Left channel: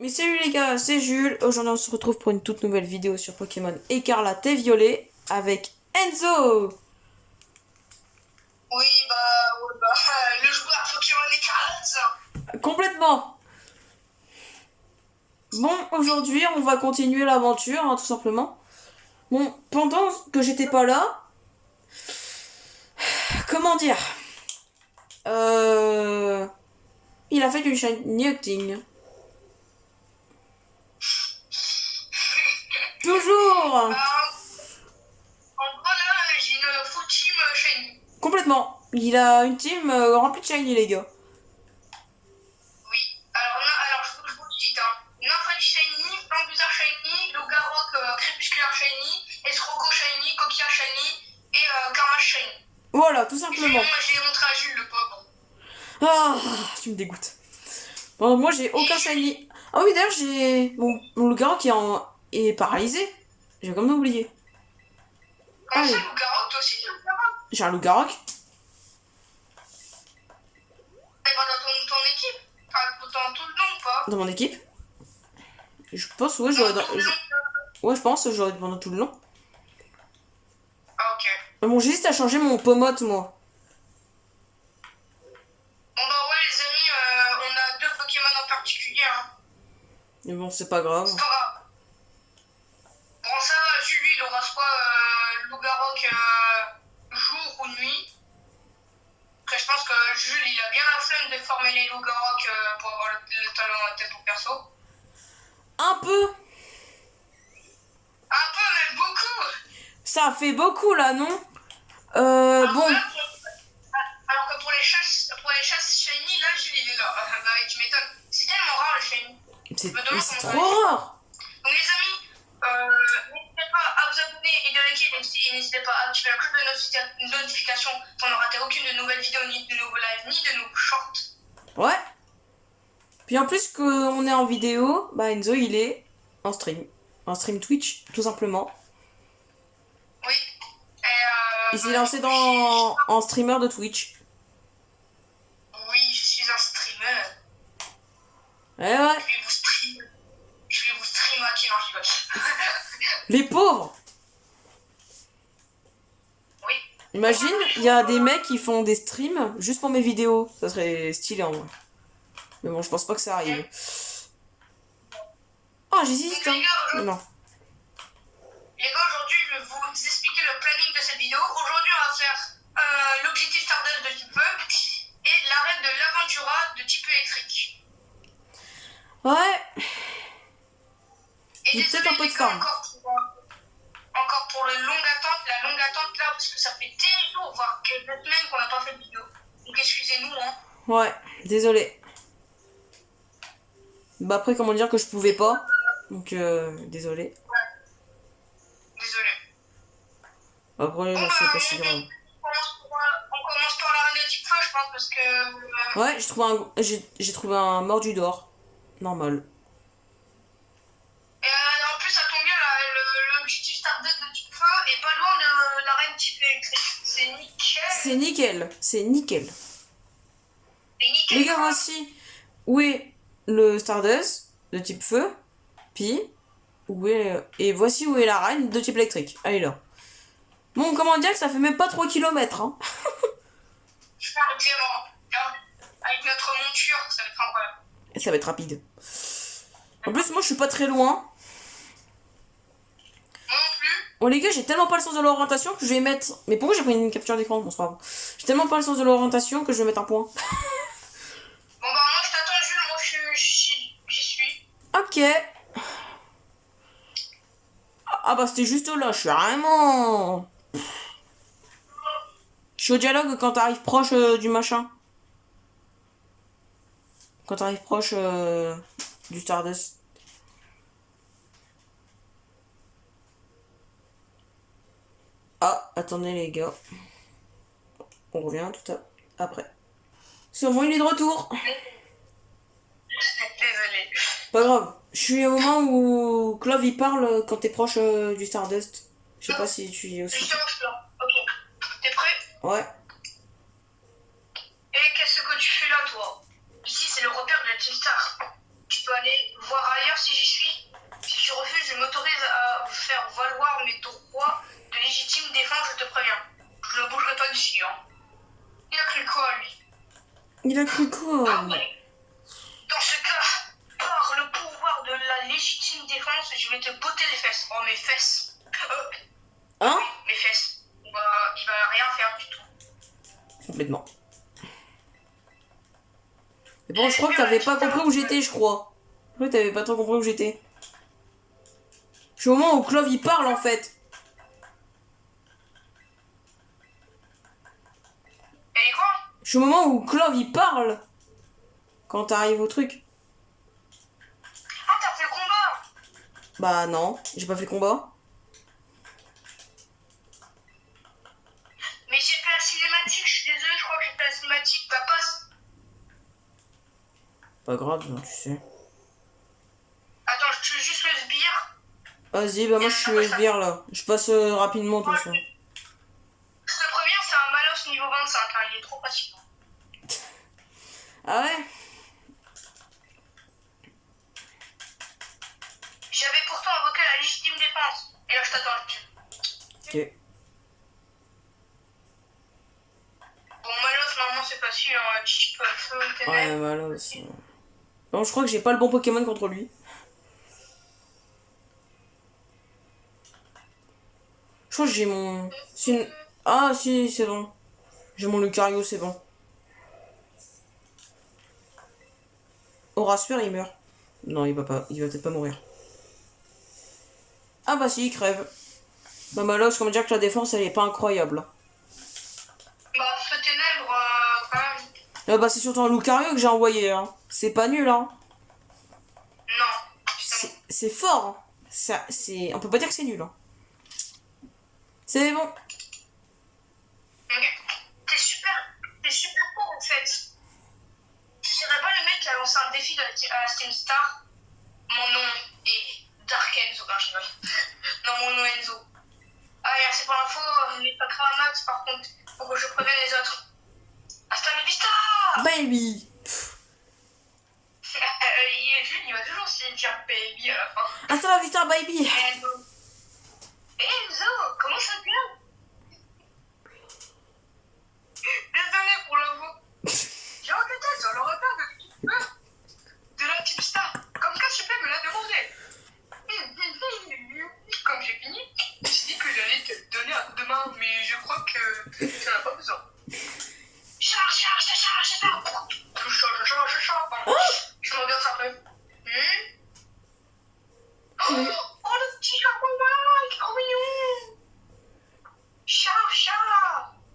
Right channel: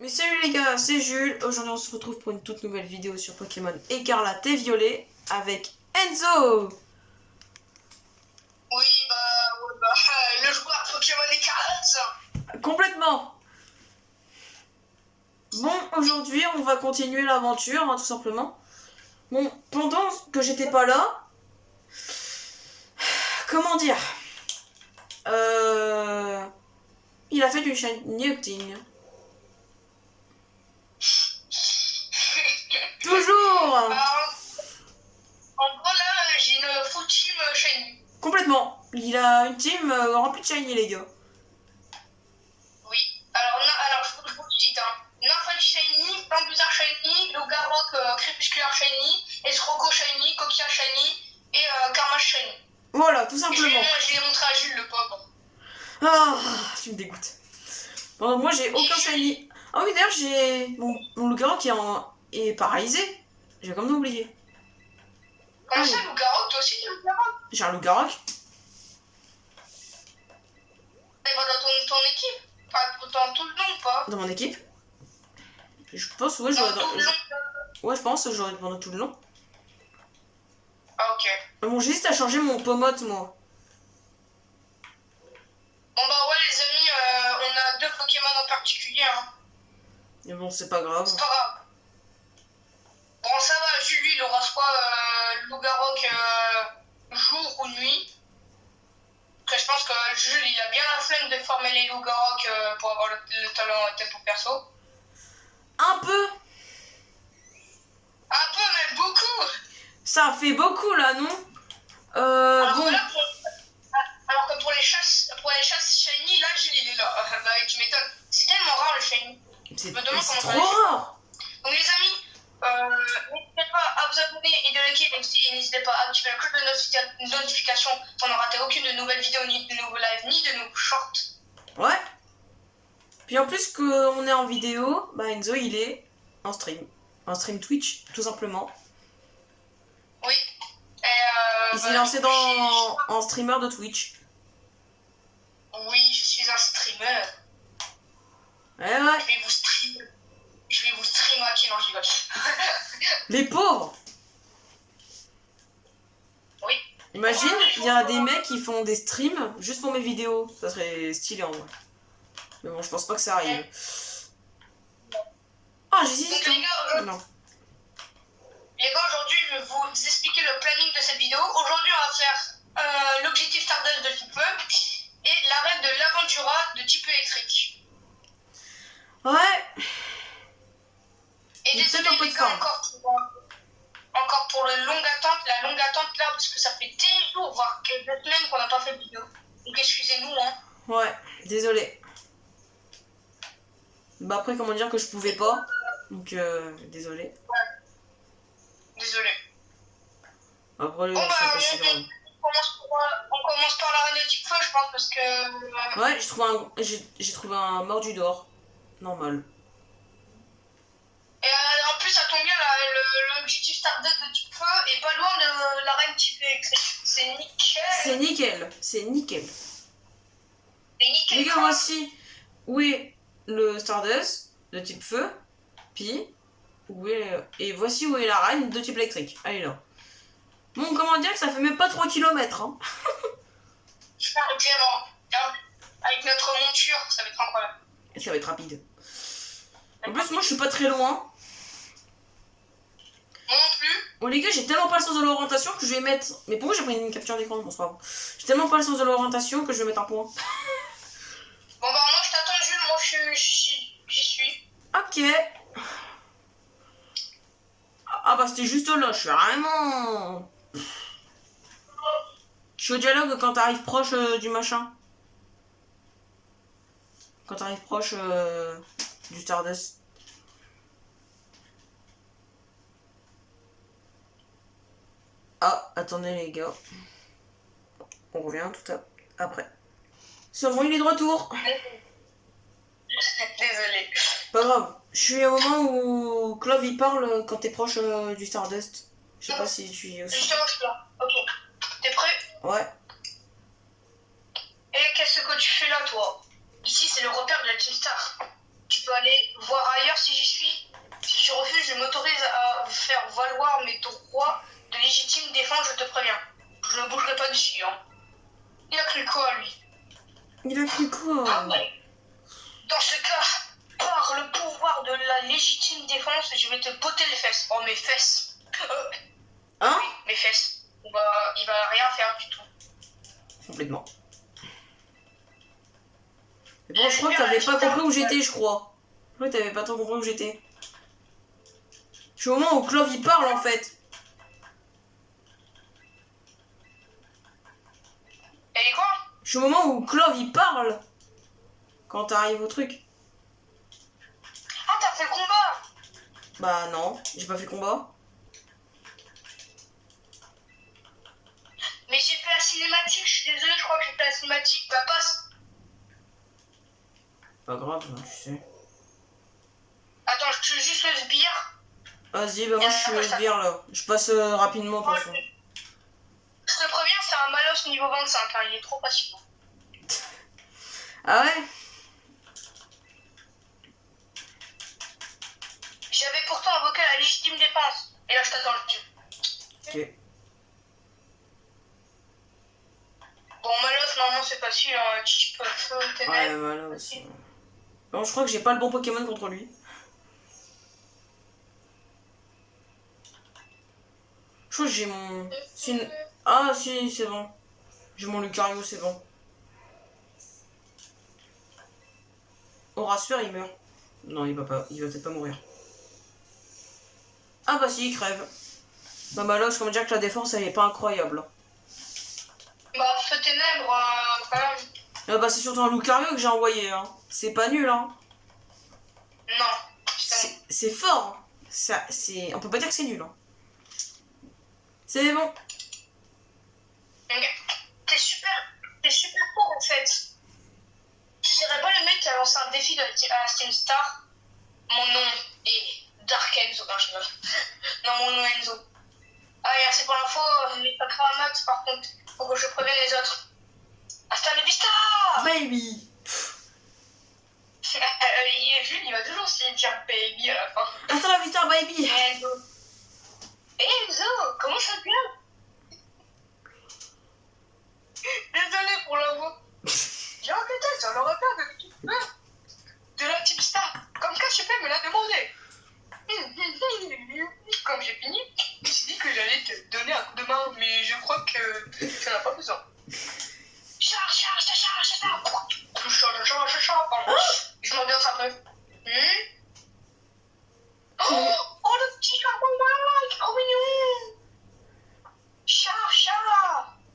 Mais salut les gars, c'est Jules. Aujourd'hui on se retrouve pour une toute nouvelle vidéo sur Pokémon Écarlate et Violet avec Enzo. Oui, le joueur Pokémon Écarlate. Complètement. Bon, aujourd'hui on va continuer l'aventure, hein, tout simplement. Bon, pendant que j'étais pas là, comment dire, il a fait du shiny hunting. Toujours. En gros, là, j'ai une full team shiny. Complètement. Il a une team remplie de shiny, les gars. Oui. Alors je vous le cite. Nymphalie shiny, Bamboozard shiny, Logarok crépusculaire shiny, Escroco shiny, Coquillard shiny et Karmash shiny. Voilà, tout simplement. Je l'ai montré à Jules, le pauvre. Ah, tu me dégoûtes. Bon, moi j'ai aucun shiny. Ah oui, d'ailleurs j'ai mon loup-garou qui est paralysé. J'ai comme oublié. Comment ça, Logarok? Toi aussi, t'as Logarok? J'ai un loup-garou. Eh ben, dans ton équipe. Enfin, dans tout le long ou pas? Dans mon équipe. Je pense, ouais, je pense que j'aurais pendant tout le long. Ah, ok. Bon, j'hésite à changer mon Pomote, moi. Bon bah ouais les amis, on a deux Pokémon en particulier. Mais bon, c'est pas grave. C'est pas grave. Bon ça va, Jules lui il aura soit Lougarok jour ou nuit. Après je pense que Jules il a bien la flemme de former les Lougarok pour avoir le talent tempo perso. Un peu. Un peu même beaucoup. Ça fait beaucoup là, non bon. Alors que pour les chasses shiny, là Jules il est là. Bah tu m'étonnes. C'est tellement rare le shiny. C'est trop rare. Donc les amis, n'hésitez pas à vous abonner et de liker et n'hésitez pas à activer la cloche de notification pour ne rater aucune de nouvelles vidéos, ni de nouveaux lives, ni de nouveaux shorts. Ouais. Puis en plus qu'on est en vidéo, bah Enzo il est en stream. En stream Twitch, tout simplement. Oui. Il s'est lancé en streamer de Twitch. Oui, je suis un streamer. Ouais. Je vais vous streamer à qui non, je rigole. Les pauvres. Oui. Imagine, il y a des mecs qui font des streams juste pour mes vidéos. Ça serait stylé en vrai. Mais bon, je pense pas que ça arrive. Ah, j'hésite. Non. Les gars, aujourd'hui, je vais vous expliquer le planning de cette vidéo. Aujourd'hui, on va faire l'objectif Stardust de type feu et l'arrêt de l'Aventura de type électrique. Ouais. Et il désolé, peut-être un peu de forme. Encore pour la longue attente là, parce que ça fait des jours, voire quelques semaines qu'on n'a pas fait de vidéo. Donc excusez-nous, hein. Ouais, désolé. Bah après, comment dire que je pouvais pas. Donc, désolé. Ouais. Désolé. Après, Bon, c'est pas si grave. On commence par l'arrêt de type feu, je pense, parce que... Ouais, j'ai trouvé un mordu d'or. Normal. Et en plus, ça tombe bien, l'objectif Stardust de type feu est pas loin de l'arène type électrique. C'est nickel. C'est nickel. C'est nickel. C'est nickel. Les gars, voici où est le Stardust de type feu. Puis, et voici où est la reine de type électrique. Elle est là. Bon, comment dire que ça fait même pas 3 km, hein. Je parle vraiment. Avec notre monture, ça va être incroyable. Et ça va être rapide. En plus, moi, je suis pas très loin. Moi non plus. Bon, les gars, j'ai tellement pas le sens de l'orientation que je vais mettre... Mais pourquoi j'ai pris une capture d'écran? Bon, c'est pas grave. J'ai tellement pas le sens de l'orientation que je vais mettre un point. Bon, bah, moi, je t'attends, Jules. Moi, j'y suis. Ok. Ah bah, c'était juste là. Je suis vraiment... Je suis au dialogue quand t'arrives proche du machin. Quand t'arrives proche du Stardust. Ah, attendez les gars. On revient tout après. C'est bon, il est de retour. Désolé. Pas grave. Je suis au moment où Clove il parle quand t'es proche du Stardust. Je sais pas si tu y es aussi. Justement, je suis là. Ok. T'es prêt? Ouais. Et qu'est-ce que tu fais là, toi? Ici, c'est le repère de la Team Star. Tu peux aller voir Quoi? ouais. Dans ce cas, par le pouvoir de la légitime défense, je vais te botter les fesses. Oh, mes fesses. Hein? Mes fesses. Il va rien faire du tout. Complètement. Mais bon, je crois que t'avais pas compris où j'étais, je crois. Ouais, t'avais pas trop compris où j'étais. Je suis au moment où Clove il parle en fait. Et quoi? Je suis au moment où Clove il parle. Quand t'arrives au truc. Ah, t'as fait le combat? Bah non, j'ai pas fait combat. Mais j'ai fait la cinématique, je suis désolée, je crois que j'ai fait la cinématique. Bah, passe. Pas grave, tu sais. Attends, je tue juste le sbire. Vas-y, bah moi je suis le sbire là. Je passe rapidement de toute façon. Je te préviens, c'est un Malos niveau 25, hein, il est trop facile. Ah ouais? J'avais pourtant invoqué la légitime défense. Et là, je t'attends là-dessus. Ok. Bon, Malos, normalement, c'est facile, hein, type feu, Ouais, ténèbres. voilà aussi. Non, je crois que j'ai pas le bon Pokémon contre lui. Je crois que j'ai mon... Ah si, c'est bon. J'ai mon Lucario, c'est bon. Horasphere, il meurt. Non, il va peut-être pas mourir. Ah bah si, il crève. Bah Malos, comment dire que la défense, elle est pas incroyable. Bah, feu ténèbres, quand même. Ah bah c'est surtout un Lucario que j'ai envoyé, hein. C'est pas nul, hein. Non. Putain. C'est fort, hein. Ça, c'est... On peut pas dire que c'est nul, hein. C'est bon. T'es super fort en fait. Tu serais pas le mec qui a lancé un défi à la Steam Star? Mon nom est Dark Enzo. Non, je rigole. Non, mon nom est Enzo. Ah, merci pour l'info, n'est pas très max par contre. Faut que je prévienne les autres. Hasta la vista! Baby. Jules, il va toujours aussi dire baby à la fin. Hasta la vista, baby. Enzo. Enzo, comment ça vient? Désolé pour l'info. J'ai enquêté sur le retard de la Team Star. Comme ça, je peux me la demander. Comme j'ai fini, j'ai dit que j'allais te donner un coup de main, mais je crois que ça n'a pas besoin. Charge. Je m'ambiance un peu. Oh, le petit Charles, il est trop mignon. Chat.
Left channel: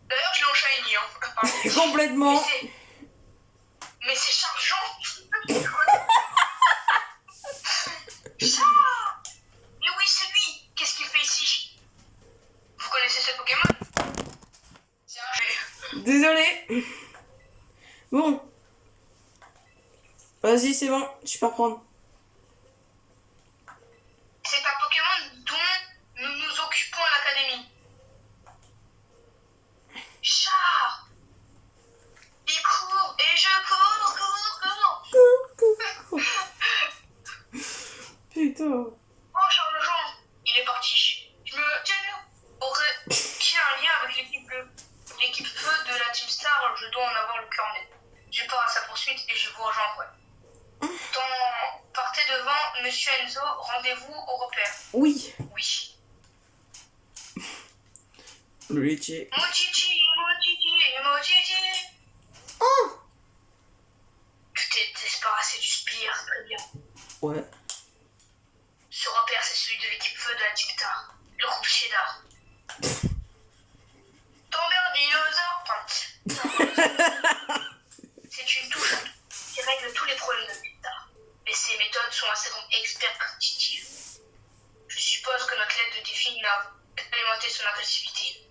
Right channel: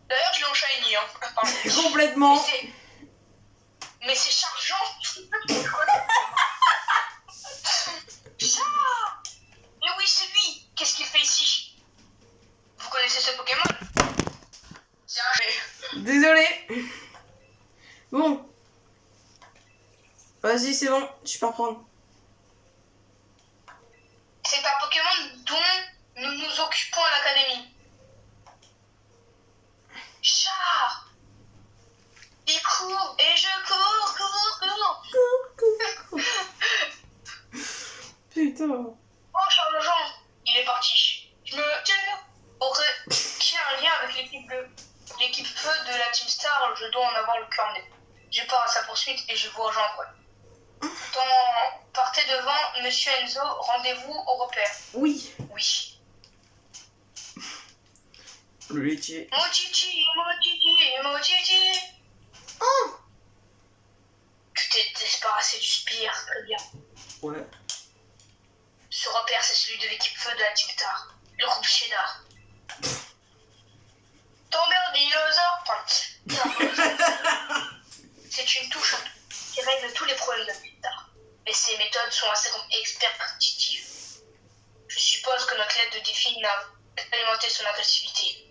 D'ailleurs, je l'ai en shiny, hein. Pardon. Complètement. Mais c'est chargeant. Chat. Mais oui, c'est lui. Qu'est-ce qu'il fait ici? Vous connaissez ce Pokémon? C'est un... Désolé. Bon. Vas-y, c'est bon. Tu peux reprendre. C'est un Pokémon dont nous nous occupons à l'académie. Chat. Il court et je cours. Putain. Oh, Charles-Jean, il est parti. Je me tiens. Aurait-il un lien avec l'équipe bleue? L'équipe feu de la Team Star, je dois en avoir le cœur net. Je pars à sa poursuite et je vous rejoins après. Partez devant, monsieur Enzo, rendez-vous au repère. Oui. Oui. Le laitier. Mon titi. Oh. Tu t'es débarrassé du spire, très bien. Ouais. Ce repère, c'est celui de l'équipe feu de la Team Star. Le groupe Cheddar. T'emmerdes, dinosaure. C'est une touche qui règle tous les problèmes de la Team Star. Mais ces méthodes sont assez expérimentives. Je suppose que notre lettre de défi n'a alimenté son agressivité.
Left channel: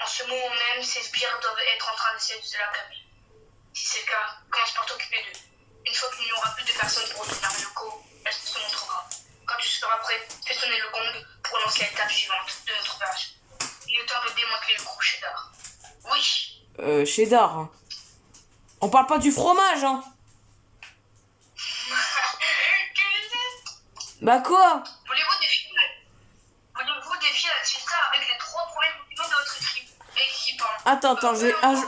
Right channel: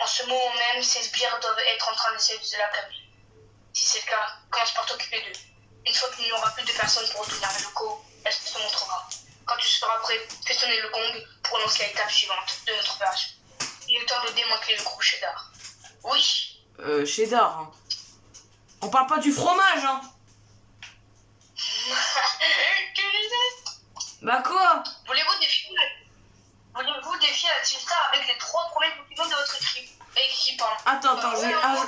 En ce moment même, ces sbires doivent être en train d'essayer de la calmer. Si c'est le cas, commence par t'occuper d'eux. Une fois qu'il n'y aura plus de personnes pour retourner les locaux, elle se montrera. Quand tu seras prêt, fais sonner le gong pour lancer l'étape suivante de notre opération. Il est temps de démanteler le groupe Cheddar. Oui. Cheddar. Hein. On parle pas du fromage, hein. Tu disais? Bah quoi? Voulez-vous défier la Team Star avec les 3 premiers Pokémon de votre équipe? Attends,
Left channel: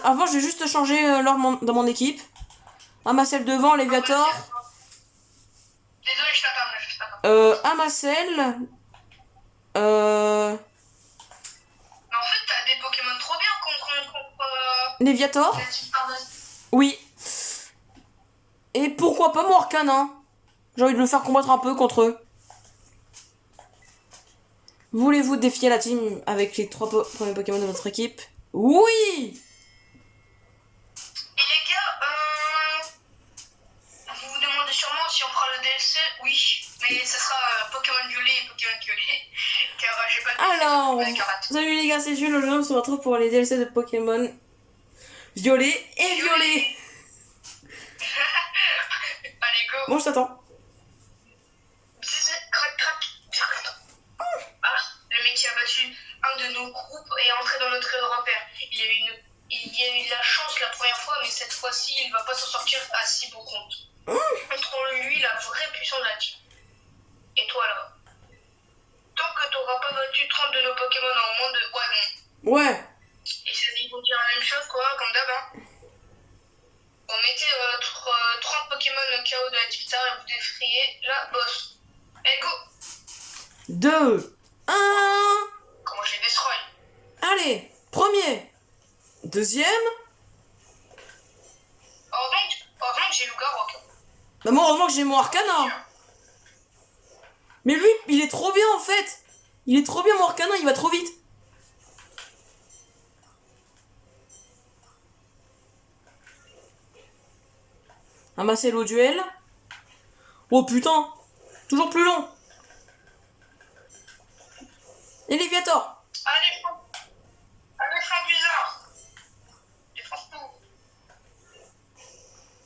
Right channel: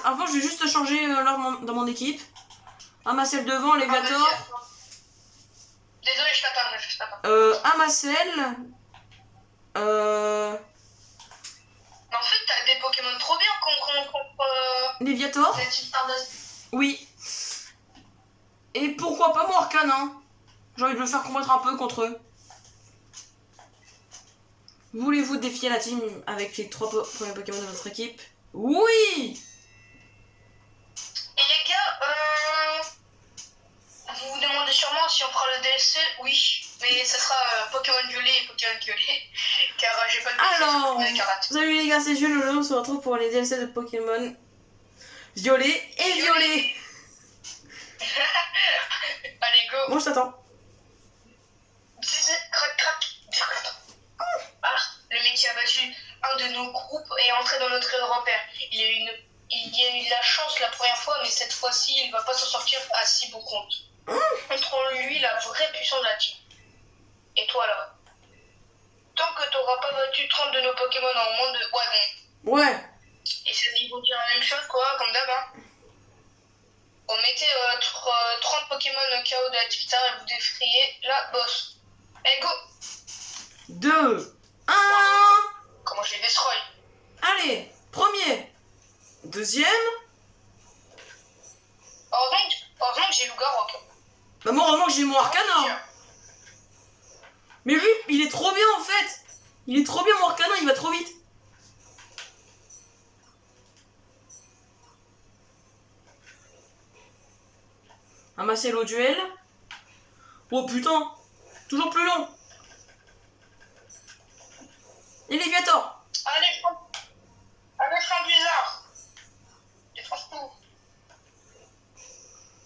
avant je vais juste changer l'ordre dans mon équipe. Amacel devant, Léviator. Désolé, je t'attends. Amacel. Mais en fait, t'as des Pokémon trop bien contre Léviator. la Team Stardust. Oui. Et pourquoi pas Morcanin. J'ai envie de le faire combattre un peu contre eux. Voulez-vous défier la team avec les 3 premiers Pokémon de votre équipe? Oui. Et les gars, vous vous demandez sûrement si on prend le DLC. Oui, mais ça sera Pokémon Violet et Pokémon Violet. Car j'ai pas de DLC Alors, sur Pokémon Écarlate. salut les gars, c'est Jules. Aujourd'hui, on se retrouve pour les DLC de Pokémon Violet et Violet. Allez, go. Bon, je t'attends. Crac, crac. Ah, le mec qui a battu un de nos groupes est entré dans notre repère. Il y a eu de la chance la première fois, mais cette fois-ci, il va pas s'en sortir à si bon compte. Montrons lui la vraie puissance de la team. Et toi là, tant que t'auras pas battu 30 de nos Pokémon en moins de... Ouais, bon. Ouais. Et ils vont dire la même chose, quoi, comme d'hab. Hein. On mettait 30 Pokémon KO de la Team Star et vous défriez la boss. Et go. 2, 1. Comment je les destroy? Allez, premier. Deuxième. Heureusement que j'ai Lugarok. Bah moi, vraiment que j'ai mon Arcanin. Mais lui, il est trop bien en fait. Il est trop bien mon Arcanin, il va trop vite. Amasser au duel. Oh putain. Toujours plus long. Et Léviator. Allez, fin bizarre. Défonce tout.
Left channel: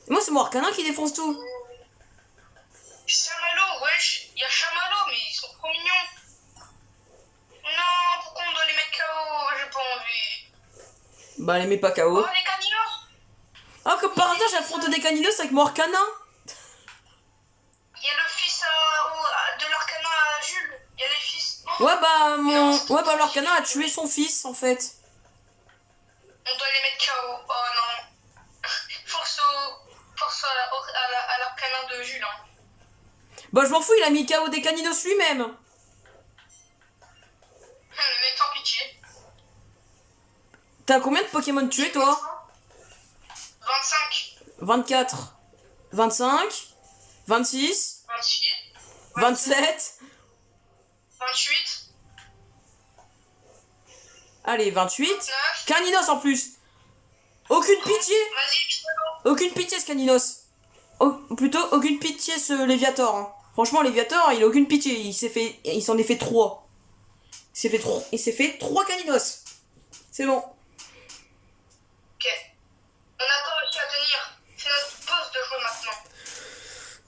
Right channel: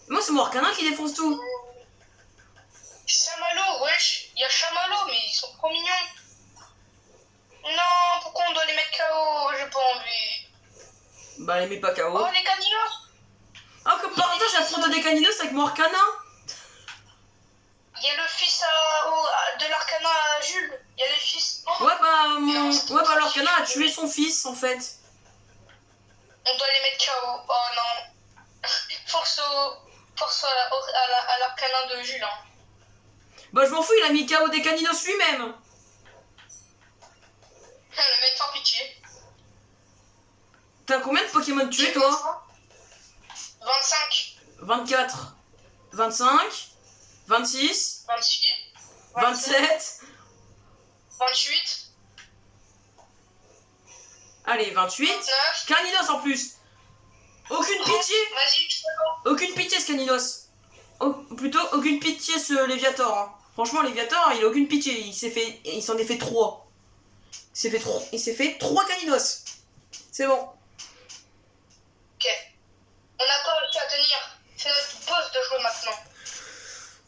Moi, c'est mon Arcanin qui défonce tout. Chamallow, wesh. Il y a Chamallow, mais ils sont trop mignons. Non, pourquoi on doit les mettre KO? J'ai pas envie. Bah, les mets pas KO. Oh, les caninos. Ah, comme par hasard, j'affronte des caninos avec mon Arcanin. Il y a le fils de l'Arcana à Jules. Il y a les fils. Oh. Ouais, bah, l'Arcanin a tué son fils en fait. On doit les mettre KO. Oh non. Force à l'Arcana de Jules. Hein. Bah, je m'en fous, il a mis KO des caninos lui-même. Le mec sans pitié. T'as combien de Pokémon tués toi? 25. 24. 25. 26. 28. 27. 28. Allez, 28. 29. Caninos en plus. Aucune pitié. Vas-y, putain. Aucune pitié ce Caninos. Plutôt aucune pitié ce Léviator. Hein. Franchement, Léviator, il a aucune pitié. Il s'en est fait 3. Il s'est fait 3 Caninos. C'est bon. Ok. On n'a pas réussi à tenir. C'est notre boss de jouer maintenant.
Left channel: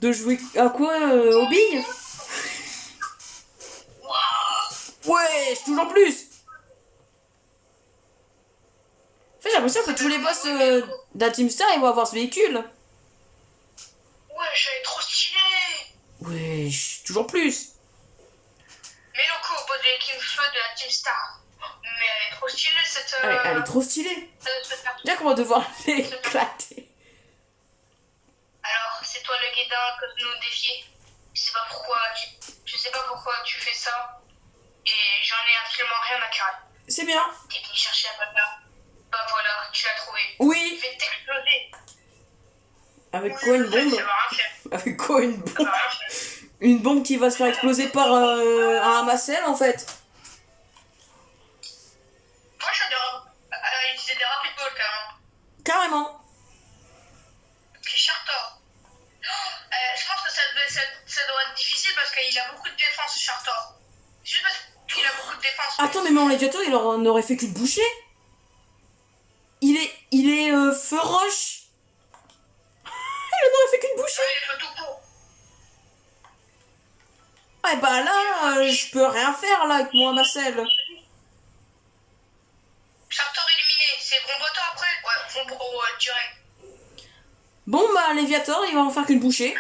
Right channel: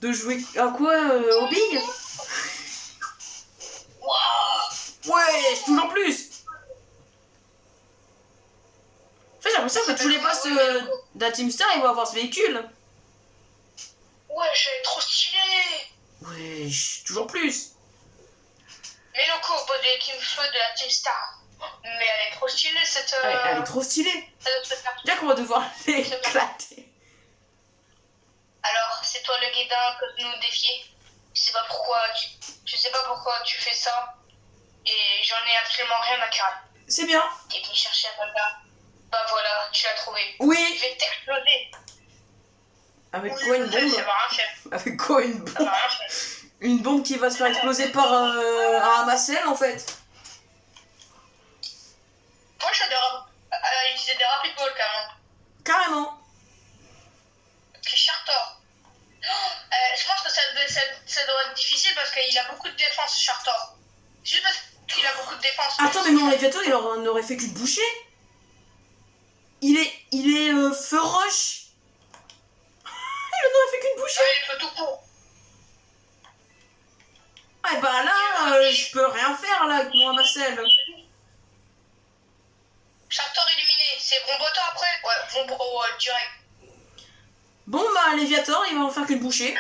De jouer à quoi aux billes? Waouh. Ouais, toujours plus. En fait, j'ai l'impression que tous les boss de la Team Star, ils vont avoir ce véhicule. Ouais, elle est trop stylée. Ouais, toujours plus. Mais le coup au poste de l'équipe feu de la Team Star. Mais elle est trop stylée cette. Elle est trop stylée. Cette carte. Bien qu'on va devoir l'éclater. Alors, c'est toi le guédin que nous défier. Je sais pas pourquoi tu sais pas pourquoi tu fais ça. Et j'en ai absolument rien à carrer. C'est bien. T'es venu chercher à papa. Bah voilà, tu l'as trouvé. Oui. Je vais t'exploser. Avec quoi une bombe? Ça va rien faire. Avec quoi une Ça bombe? va rien faire. Une bombe qui va se faire exploser par un Amacel en fait. Moi j'adore utiliser des rapid balls carrément. Carrément. Puis Chartor. Je pense que ça doit être difficile parce qu'il a beaucoup de défense Chartor. Juste parce qu'il a beaucoup de défense. Attends, mais mon Léviator, il n'aurait fait qu'une bouchée. Il est feu roche. Il n'aurait fait qu'une bouchée. Ouais, il fait tout court. Ouais, bah là, je peux rien faire là avec mon Amacel. Chartor illuminé. C'est Bomboto après? Ouais, Bombo direct. Bon, bah, Léviator, il va en faire qu'une bouchée.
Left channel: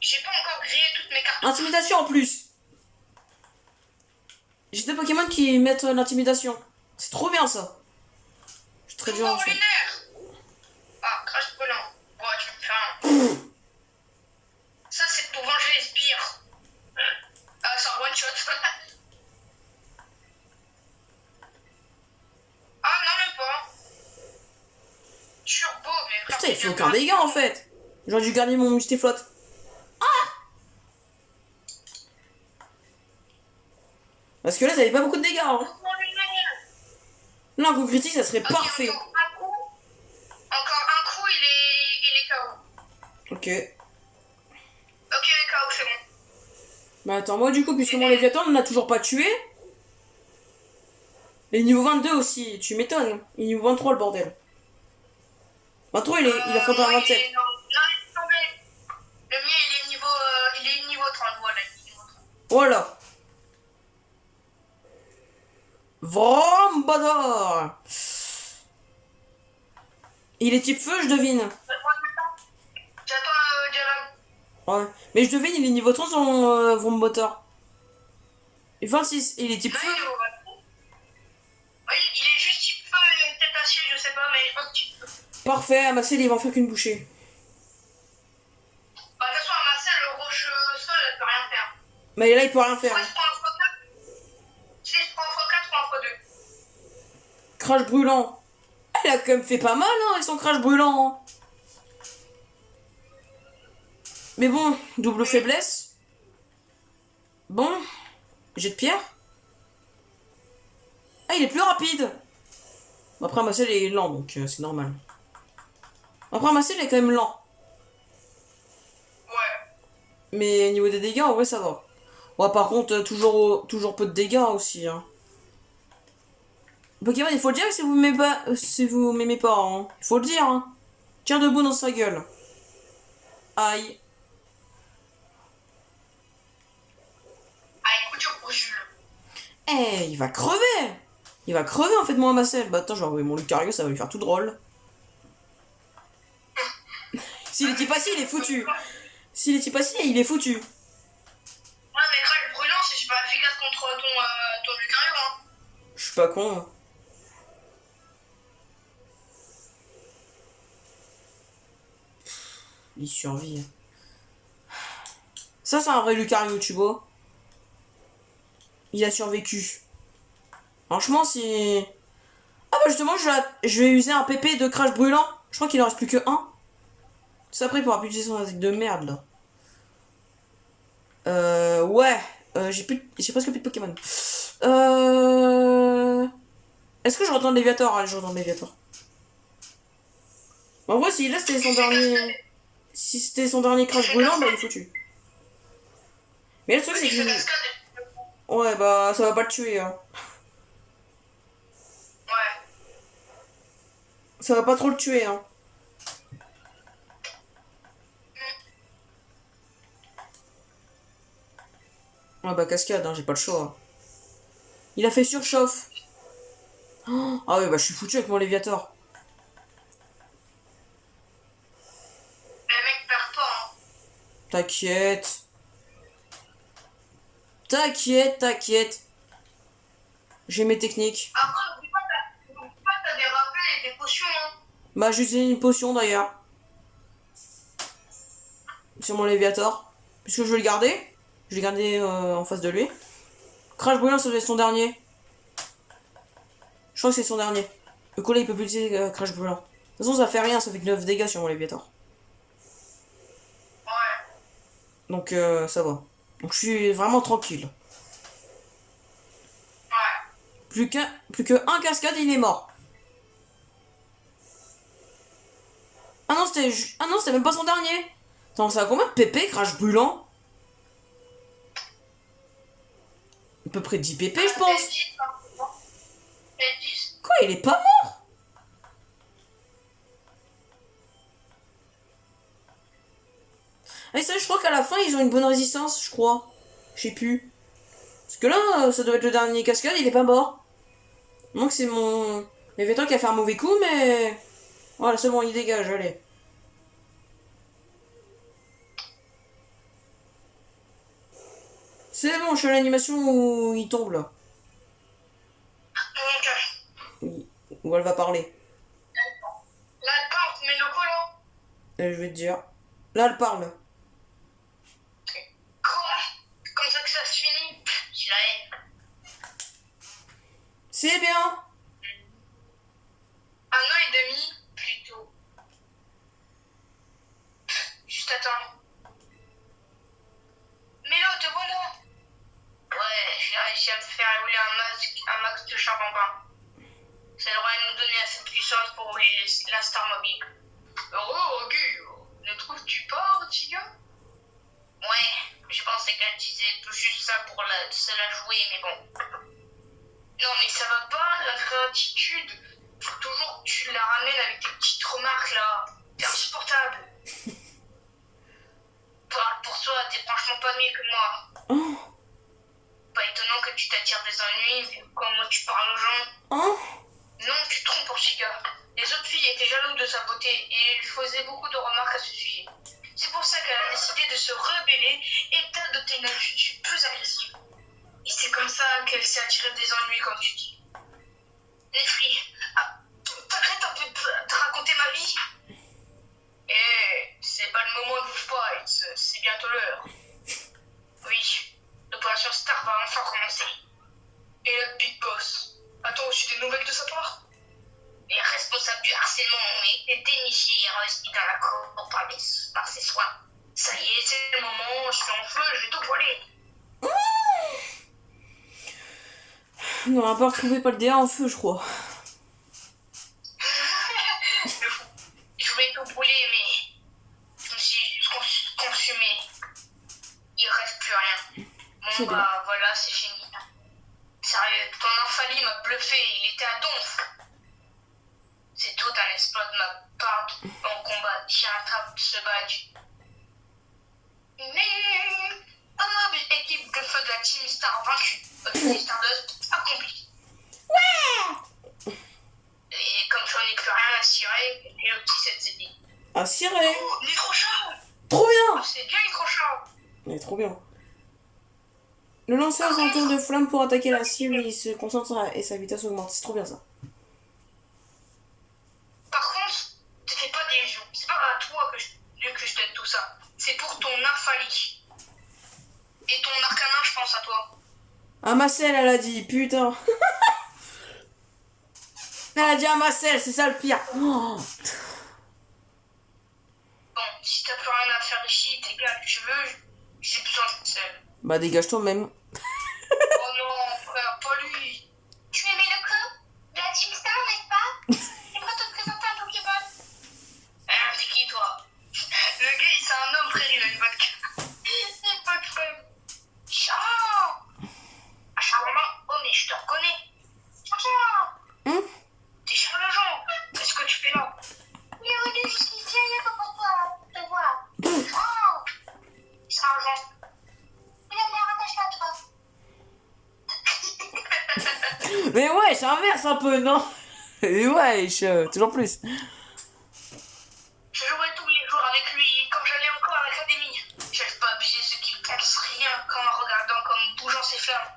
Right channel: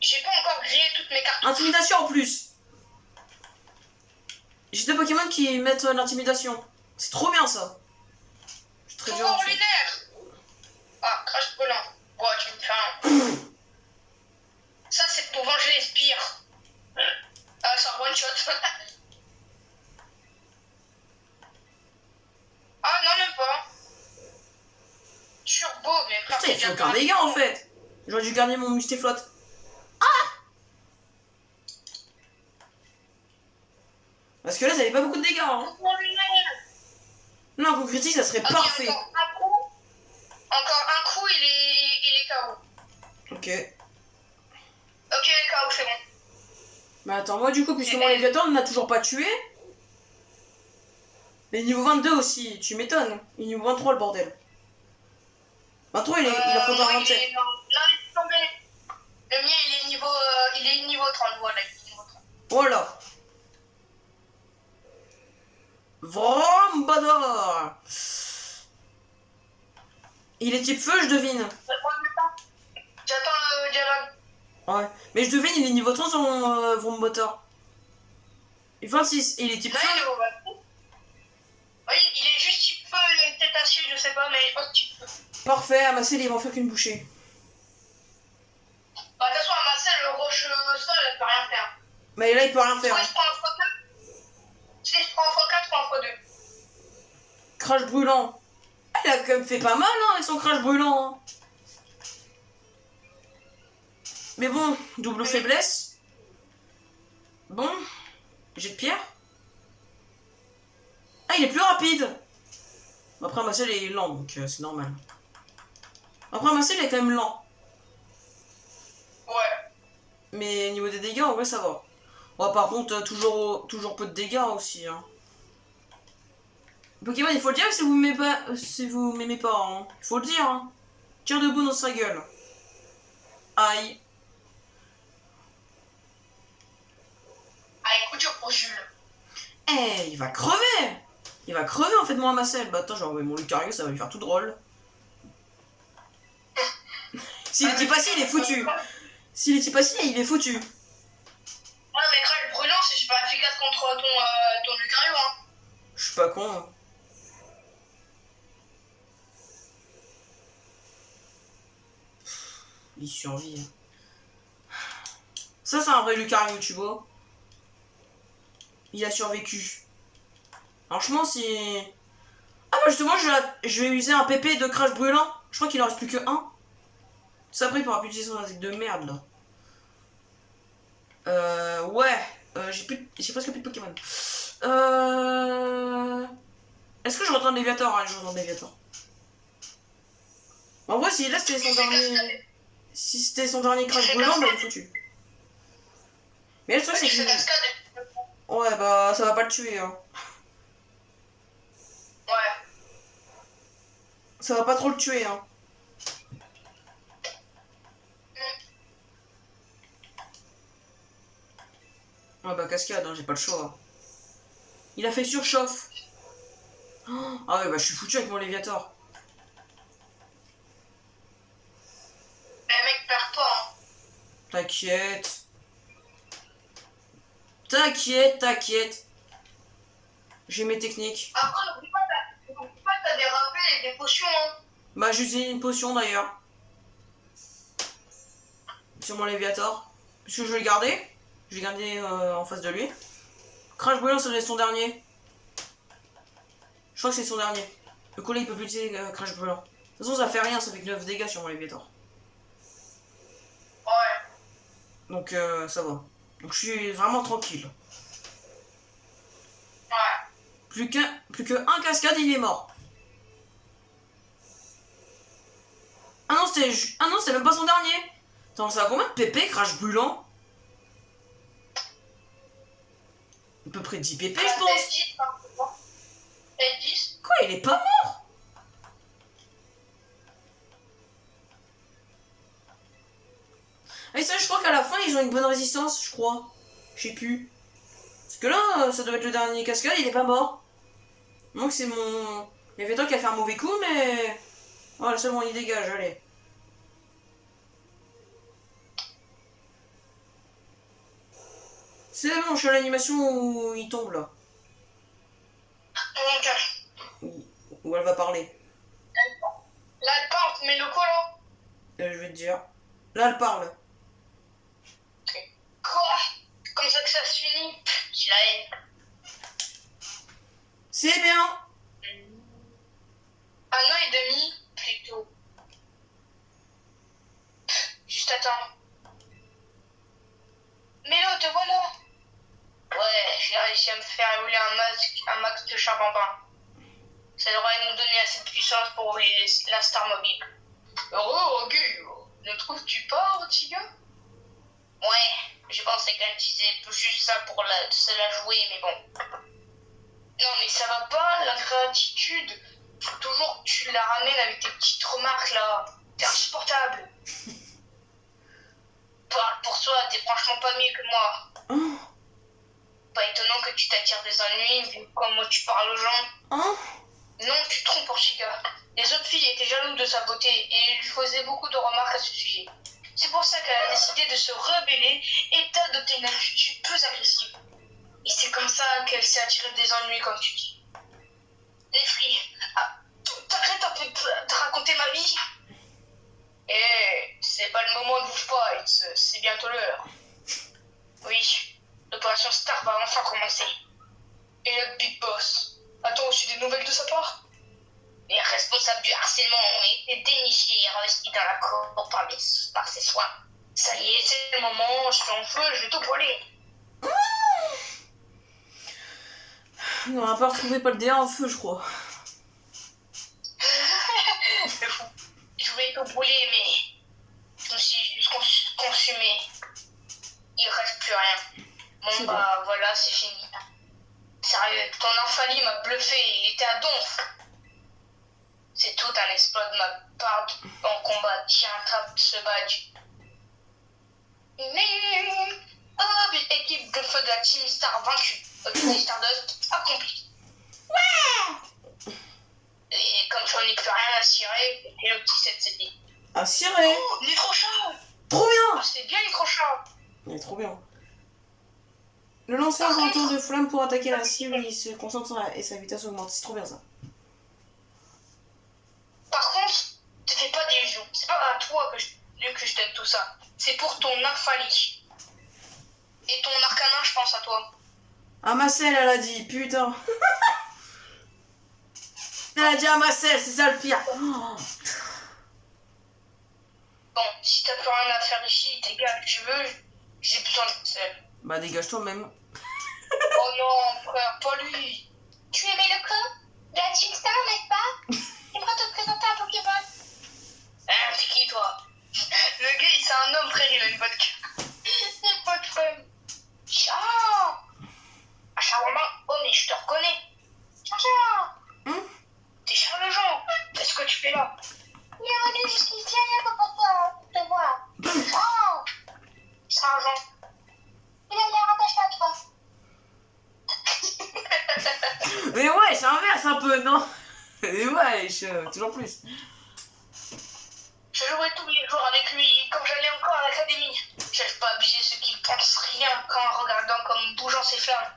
J'ai pas encore grillé toutes mes cartes. Intimidation en plus. J'ai des Pokémon qui mettent l'intimidation. C'est trop bien ça. Je suis très dur en fait. lunaire. Ah, crash volant. Ouais, il fait aucun dégât en fait. J'aurais dû garder mon mustéflotte. Parce que là, ça avait pas beaucoup de dégâts. Hein. Là, un coup critique, ça serait parfait. Encore un coup, il est KO. Ok. Ok, KO, c'est bon. Bah attends, moi du coup, puisque mon Léviathan ne m'a toujours pas tué. Mais niveau 22 aussi, tu m'étonnes. Il est niveau 23 le bordel. 23, il affronte un 27. Non, il est tombé. Le mien, il est niveau 30, voilà. Niveau 30. Voilà. Vrombador. Il est type feu, je devine. J'attends le dialogue. Ouais. Mais je devine, il est niveau 30 son Vrombotor. Et 26, il est type feu. Oui, il est juste type feu, il est peut-être acier, je sais pas, mais je pense type feu. Parfait, Amassel, il va en faire qu'une bouchée. Bah, de toute façon, à Marcel, le roche sol, elle peut rien faire. Mais là, il peut rien faire. Soit il se prend un x4, si il se prend un x4 ou un x2. Crash brûlant. Ah, il a quand même fait pas mal hein, avec son crash brûlant. Hein. Mais bon, double faiblesse. Bon, jet de pierre. Ah, il est plus rapide. Après, Amassel il est lent, donc c'est normal. Après, Amassel il est quand même lent. Ouais. Mais niveau des dégâts, en vrai, ça va. Ouais, par contre, toujours peu de dégâts aussi. Hein. Pokémon, il faut le dire si vous m'aimez pas, si vous m'aimez pas. Hein. Il faut le dire. Hein. Tire debout dans sa gueule. Aïe. Allez, coup dur pour Jules. Eh, il va crever. Il va crever en fait, mon Amassel. Bah attends, j'ai envoyé mon Lucario, ça va lui faire tout drôle. S'il est type acide, il est foutu. S'il est type acide, il est foutu. Ouais, mais crash brûlant, c'est super efficace contre ton Lucario, hein. Je suis pas con. Hein. Il survit. Ça, c'est un vrai Lucario, tu vois. Il a survécu. Franchement, si... Ah bah justement, je vais user un PP de crash brûlant. Je crois qu'il en reste plus que un. Ça après, il pourra plus utiliser son attaque de merde, là. Ouais. J'ai presque plus de Pokémon. Est-ce que je retourne Léviator? Allez, je retourne Léviator. En vrai, si là c'était son dernier... Si c'était son dernier crash brûlant, bah il est foutu. Mais le truc, c'est que... Ouais, bah ça va pas le tuer, hein. Ouais. Ça va pas trop le tuer, hein. Ah bah cascade, hein, j'ai pas le choix. Il a fait surchauffe. Oh, ah ouais, bah je suis foutu avec mon Léviator. Le mec perd pas, hein. T'inquiète. T'inquiète. J'ai mes techniques. Après, n'oublie pas, t'as des rappels et des potions, hein. Bah j'utilise une potion d'ailleurs. Sur mon Léviator. Puisque je vais le garder. Je vais le garder en face de lui. Crash brûlant, ça doit être son dernier. Je crois que c'est son dernier. Le collet il peut plus utiliser crash brûlant. De toute façon ça fait rien, ça fait que 9 dégâts sur mon Léviator. Ouais. Donc ça va. Donc je suis vraiment tranquille. Ouais. Plus que un cascade, il est mort. Ah non, c'était même pas son dernier. Attends, ça a combien de PP, crash brûlant? À peu près 10 PP, je pense. Peut-être 10, hein. Peut-être 10. Quoi, il est pas mort? Et ça, je crois qu'à la fin, ils ont une bonne résistance, je crois. Je sais plus. Parce que là, ça doit être le dernier cascade, il est pas mort. Donc c'est mon... Léviator qui a fait un mauvais coup, mais... Voilà, c'est bon, il dégage, allez. C'est bon, je suis à l'animation où il tombe, là. Donc, Où elle va parler. là, elle parle, mais le collant. Et je vais te dire. Là, elle parle. Quoi? Comme ça que ça se finit? J'ai la haine. C'est bien. Un an et demi, plutôt. réussi à me faire évoluer un max de charbambin. Ça devrait nous donner assez de puissance pour rouler la Star Mobile. Oh, ok. Ne trouves-tu pas, Ortiga? Ouais, je pensais qu'elle disait juste ça pour se la jouer, mais bon. Non, mais ça va pas, la gratitude. Faut toujours que tu la ramènes avec tes petites remarques là. T'es insupportable. Parle pour toi, t'es franchement pas mieux que moi. Oh. Pas étonnant que tu t'attires des ennuis vu comment tu parles aux gens. Oh. Non, tu te trompes, Ortiga. Les autres filles étaient jalouses de sa beauté et lui faisaient beaucoup de remarques à ce sujet. C'est pour ça qu'elle a décidé de se rebeller et d'adopter une attitude plus agressive. Et c'est comme ça qu'elle s'est attirée des ennuis, comme tu dis. Les filles, t'arrêtes un peu de raconter ma vie. C'est pas le moment, ne bouge pas, c'est bientôt l'heure. Oui, l'opération Star va enfin commencer. Et le Big Boss, a-t-on reçu des nouvelles de sa part? Les responsables du harcèlement ont été dénichés et investis dans la cour par ses soins. Ça y est, c'est le moment, je suis en feu, je vais tout brûler. On n'aura pas retrouvé pas le DA en feu, je crois. Je voulais tout brûler, mais je me suis juste consumé. Il reste plus rien. Bon bah voilà, c'est fini. Sérieux, ton infalie m'a bluffé, il était à donf. C'est tout un exploit de ma part en combat. Tiens, attrape ce badge. Équipe de feu de la Team Star vaincue. Objectif Stardust accompli. Ouais. Et comme j'en ai plus rien à cirer, et le petit 7 CP. À cirer. Oh, Nitro-Shot. Trop bien. C'est bien Nitro-Shot. Mais trop bien. Le lanceur a un tour de flamme pour attaquer la cible et il se concentre et sa vitesse augmente. C'est trop bien ça. Par contre, te fais pas d'illusions. C'est pas à toi que je t'aide tout ça. C'est pour ton infalie. Et ton arcanin, je pense à toi. Ah, Marcel, elle a dit, putain. Elle a dit à Marcel, c'est ça le pire. Oh. Bon, si t'as plus rien à faire ici, t'es gars que tu veux, j'ai besoin de seul. Bah, dégage toi-même. Oh non, frère, pas lui. Tu aimais le coup de la Team Star, n'est-ce pas? J'aimerais te présenter un Pokémon. Hein, c'est qui, toi? Le gars, c'est un homme, frère, il a une vodka. Il a pas de femme. Chat. Ah, Charlemagne, oh, mais je te reconnais. Chat. T'es Charles-Jean. Qu'est-ce que tu fais là? Il est venu jusqu'ici, rien que pour toi, te voir. Oh. Charles-Jean. Il a l'air attaché à toi. Mais ouais, j'inverse un peu, non? Mais ouais, toujours plus. Je jouais tous les jours avec lui quand j'allais encore à l'académie. J'arrive pas à abuser ceux qui ne pensent rien qu'en regardant comme bougeant ses flammes.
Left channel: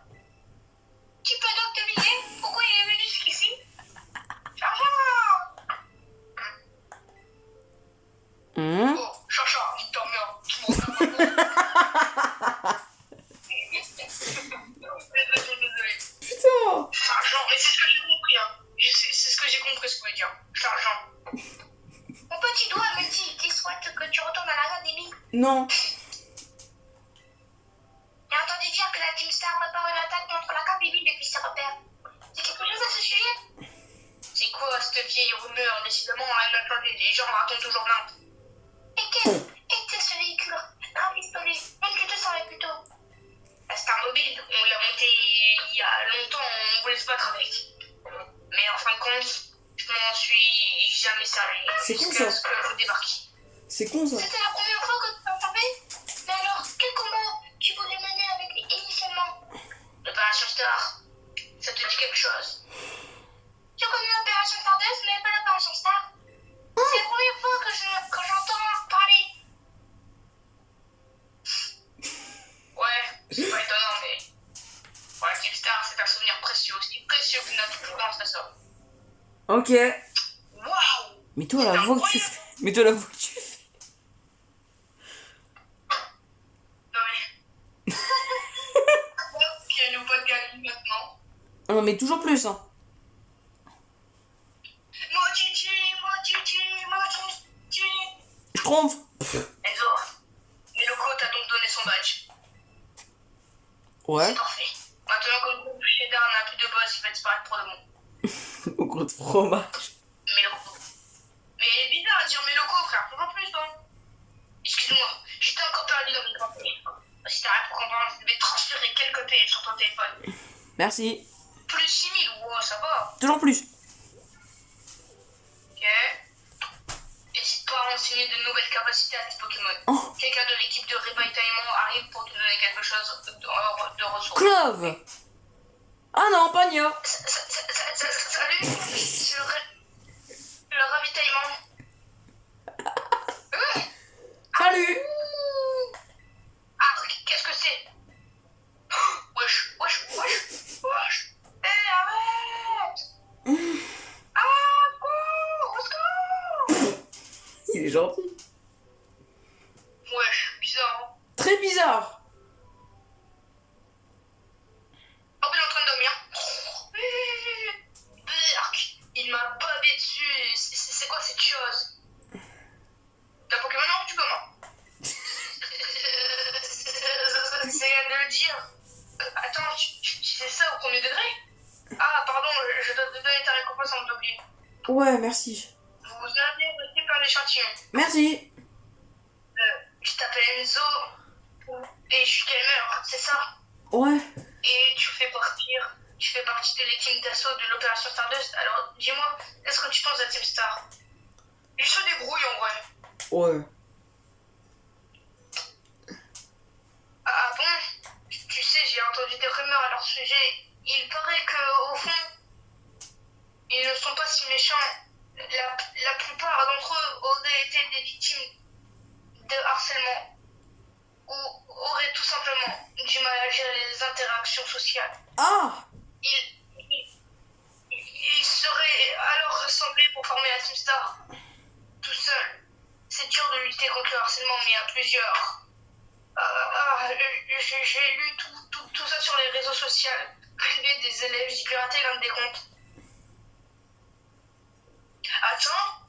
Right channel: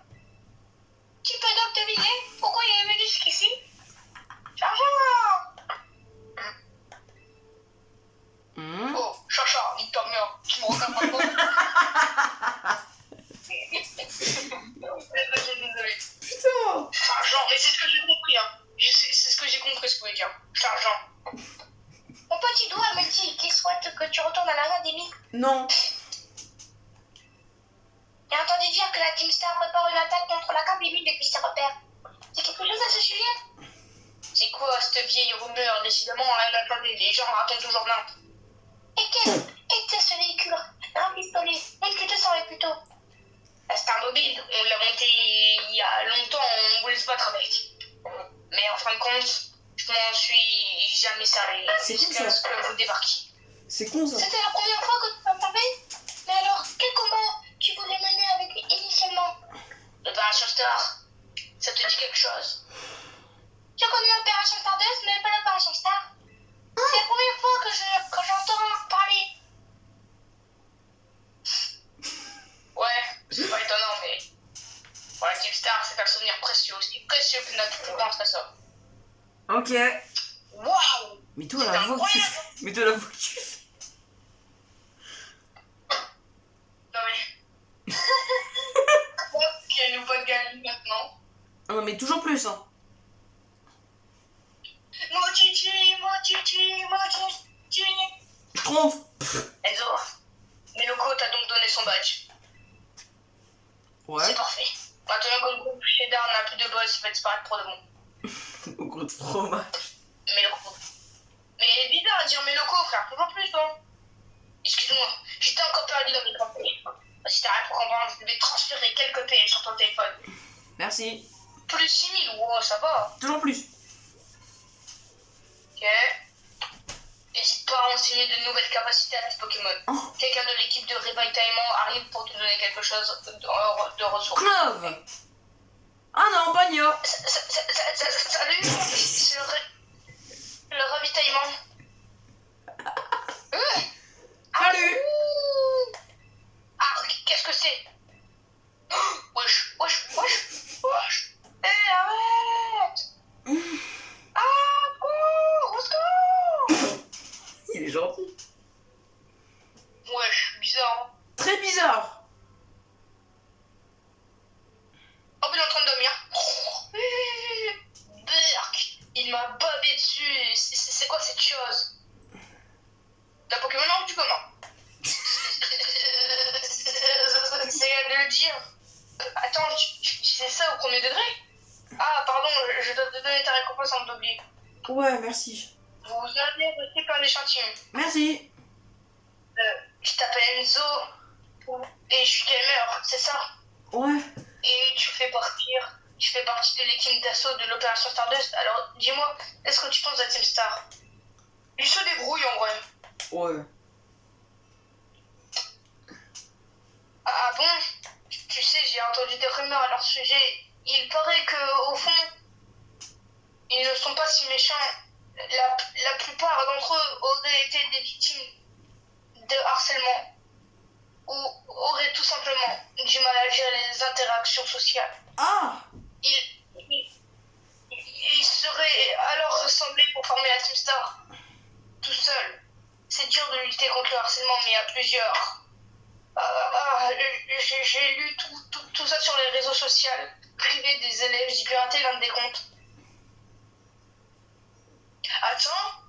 Tu peux donc deviner pourquoi il est venu jusqu'ici? Chargeur. Oh, Chacha, nique ta mère, tu me regardes pas. Désolé. Putain. Chargeur, mais c'est ce que j'ai compris, hein. C'est ce que j'ai compris, ce que vous voulez dire. Chargeur. Mon petit doigt me dit qu'il souhaite que tu retournes à l'académie. Non. J'ai entendu dire que la Team Star prépare une attaque contre l'académie depuis ses repères. C'est quelque chose à ce sujet? C'est quoi cette vieille rumeur? Décidément, elle attendait. Les gens racontent toujours plein. Et qu'est-ce ce véhicule? Un pistolet. Même tu te savais plutôt. La Star Mobile, on l'a montée il y a longtemps, on voulait se battre avec. Mais en fin de compte, je m'en suis jamais servi. C'est con, jusqu'à ça. ce que vous débarquiez. C'est con ça. C'était la première fois que tu m'as parlé? Mais alors, quel combat tu voulais mener avec lui initialement? L'opération Star, ça te dit quelque chose? J'ai connu l'opération Stardust, mais pas l'opération Star. C'est la première fois que j'entends parler. Ouais, c'est pas étonnant, mais pour la Team Star, c'est un souvenir précieux, aussi précieux qu'une autre plus grande que ça. Ok. Waouh! Mais toi, la voix que tu fais. Mais toi, la voix que tu fais. Non mais... qu'il y a nos potes gagnent maintenant. Ah non, mais toujours plus, hein. Mochichi. Je trompe. Enzo, Miloko t'a donc donné son badge. Ouais. C'est parfait. Maintenant que le groupe Cheddar n'a plus de boss, il va disparaître pour de bon. Au gros de fromage. Mais locaux. Mais bizarre à dire mes locaux, frère, toujours plus, toi. Excuse-moi, j'étais encore perdu dans mes campagnes. Si t'as rien pour comprendre, je vais transférer quelques PL sur ton téléphone. Merci. Plus de 6000, wow, ça va. Toujours plus. Ok. N'hésite pas à renseigner de nouvelles capacités à tes Pokémon. Oh. Quelqu'un de l'équipe de ravitaillement arrive pour te donner quelque chose de ressources. Clove. Ah non, Pagna. Salut, c'est le ravitaillement. Salut. Ah, qu'est-ce que c'est? Wesh. Arrête. Ah, cours, au secours. Il est gentil. Wesh, bizarre. Très bizarre. Oh, il est en train de dormir. Berk, il m'a babé dessus. C'est quoi cette chose? T'as Pokémon non, tu comment? C'est à de le dire. Attends, c'est ça au premier degré? Ah, pardon, je dois te donner ta récompense en t'oublie. Ouais, merci. Vous avez reçu plein d'échantillons. Merci. Tu t'appelles Enzo et je suis gamer, c'est ça? Ouais. Et tu fais partie de l'équipe d'assaut de l'opération Stardust. Alors, dis-moi, qu'est-ce que tu penses de Team Star? Il se débrouille en vrai. Ouais. Ah bon? Tu sais, j'ai entendu des rumeurs à leur sujet. Il paraît que au fond, ils ne sont pas si méchants. La plupart d'entre eux auraient été des victimes de harcèlement ou auraient tout simplement du mal à gérer les interactions sociales. Ah. Ils seraient alors rassemblés pour former la Team Star. Tout seul. C'est dur de lutter contre le harcèlement, mais à plusieurs. J'ai lu tout ça sur les réseaux sociaux. Privé des élèves, j'ai piraté l'un des comptes. Attends.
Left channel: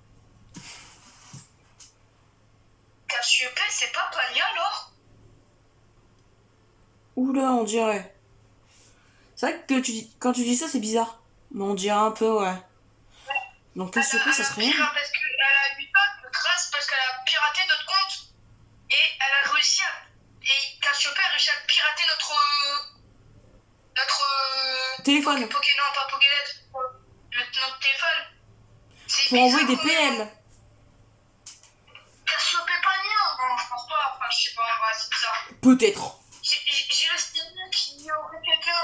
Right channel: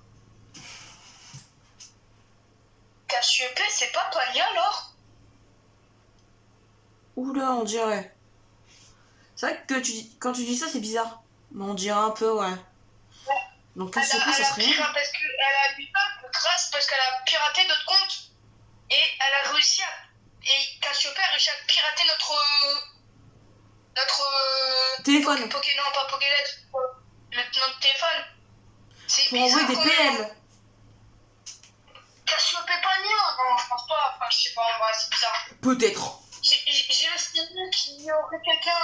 Cassiope, c'est pas Pania alors? Oula, on dirait. C'est vrai que quand tu dis ça, c'est bizarre. Mais on dirait un peu, ouais. Donc Cassiope, ça serait... Parce qu'elle a eu pas de grâce, parce qu'elle a piraté notre compte. Et elle a réussi à... Et Cassiope a réussi à pirater notre téléphone. Non, pas Pokédex. Notre téléphone. Pour envoyer des PL. Cassiope Pania? Non, je pense pas. Enfin, je sais pas, en vrai, c'est bizarre. Peut-être. J'ai le feeling qu'il y aurait quelqu'un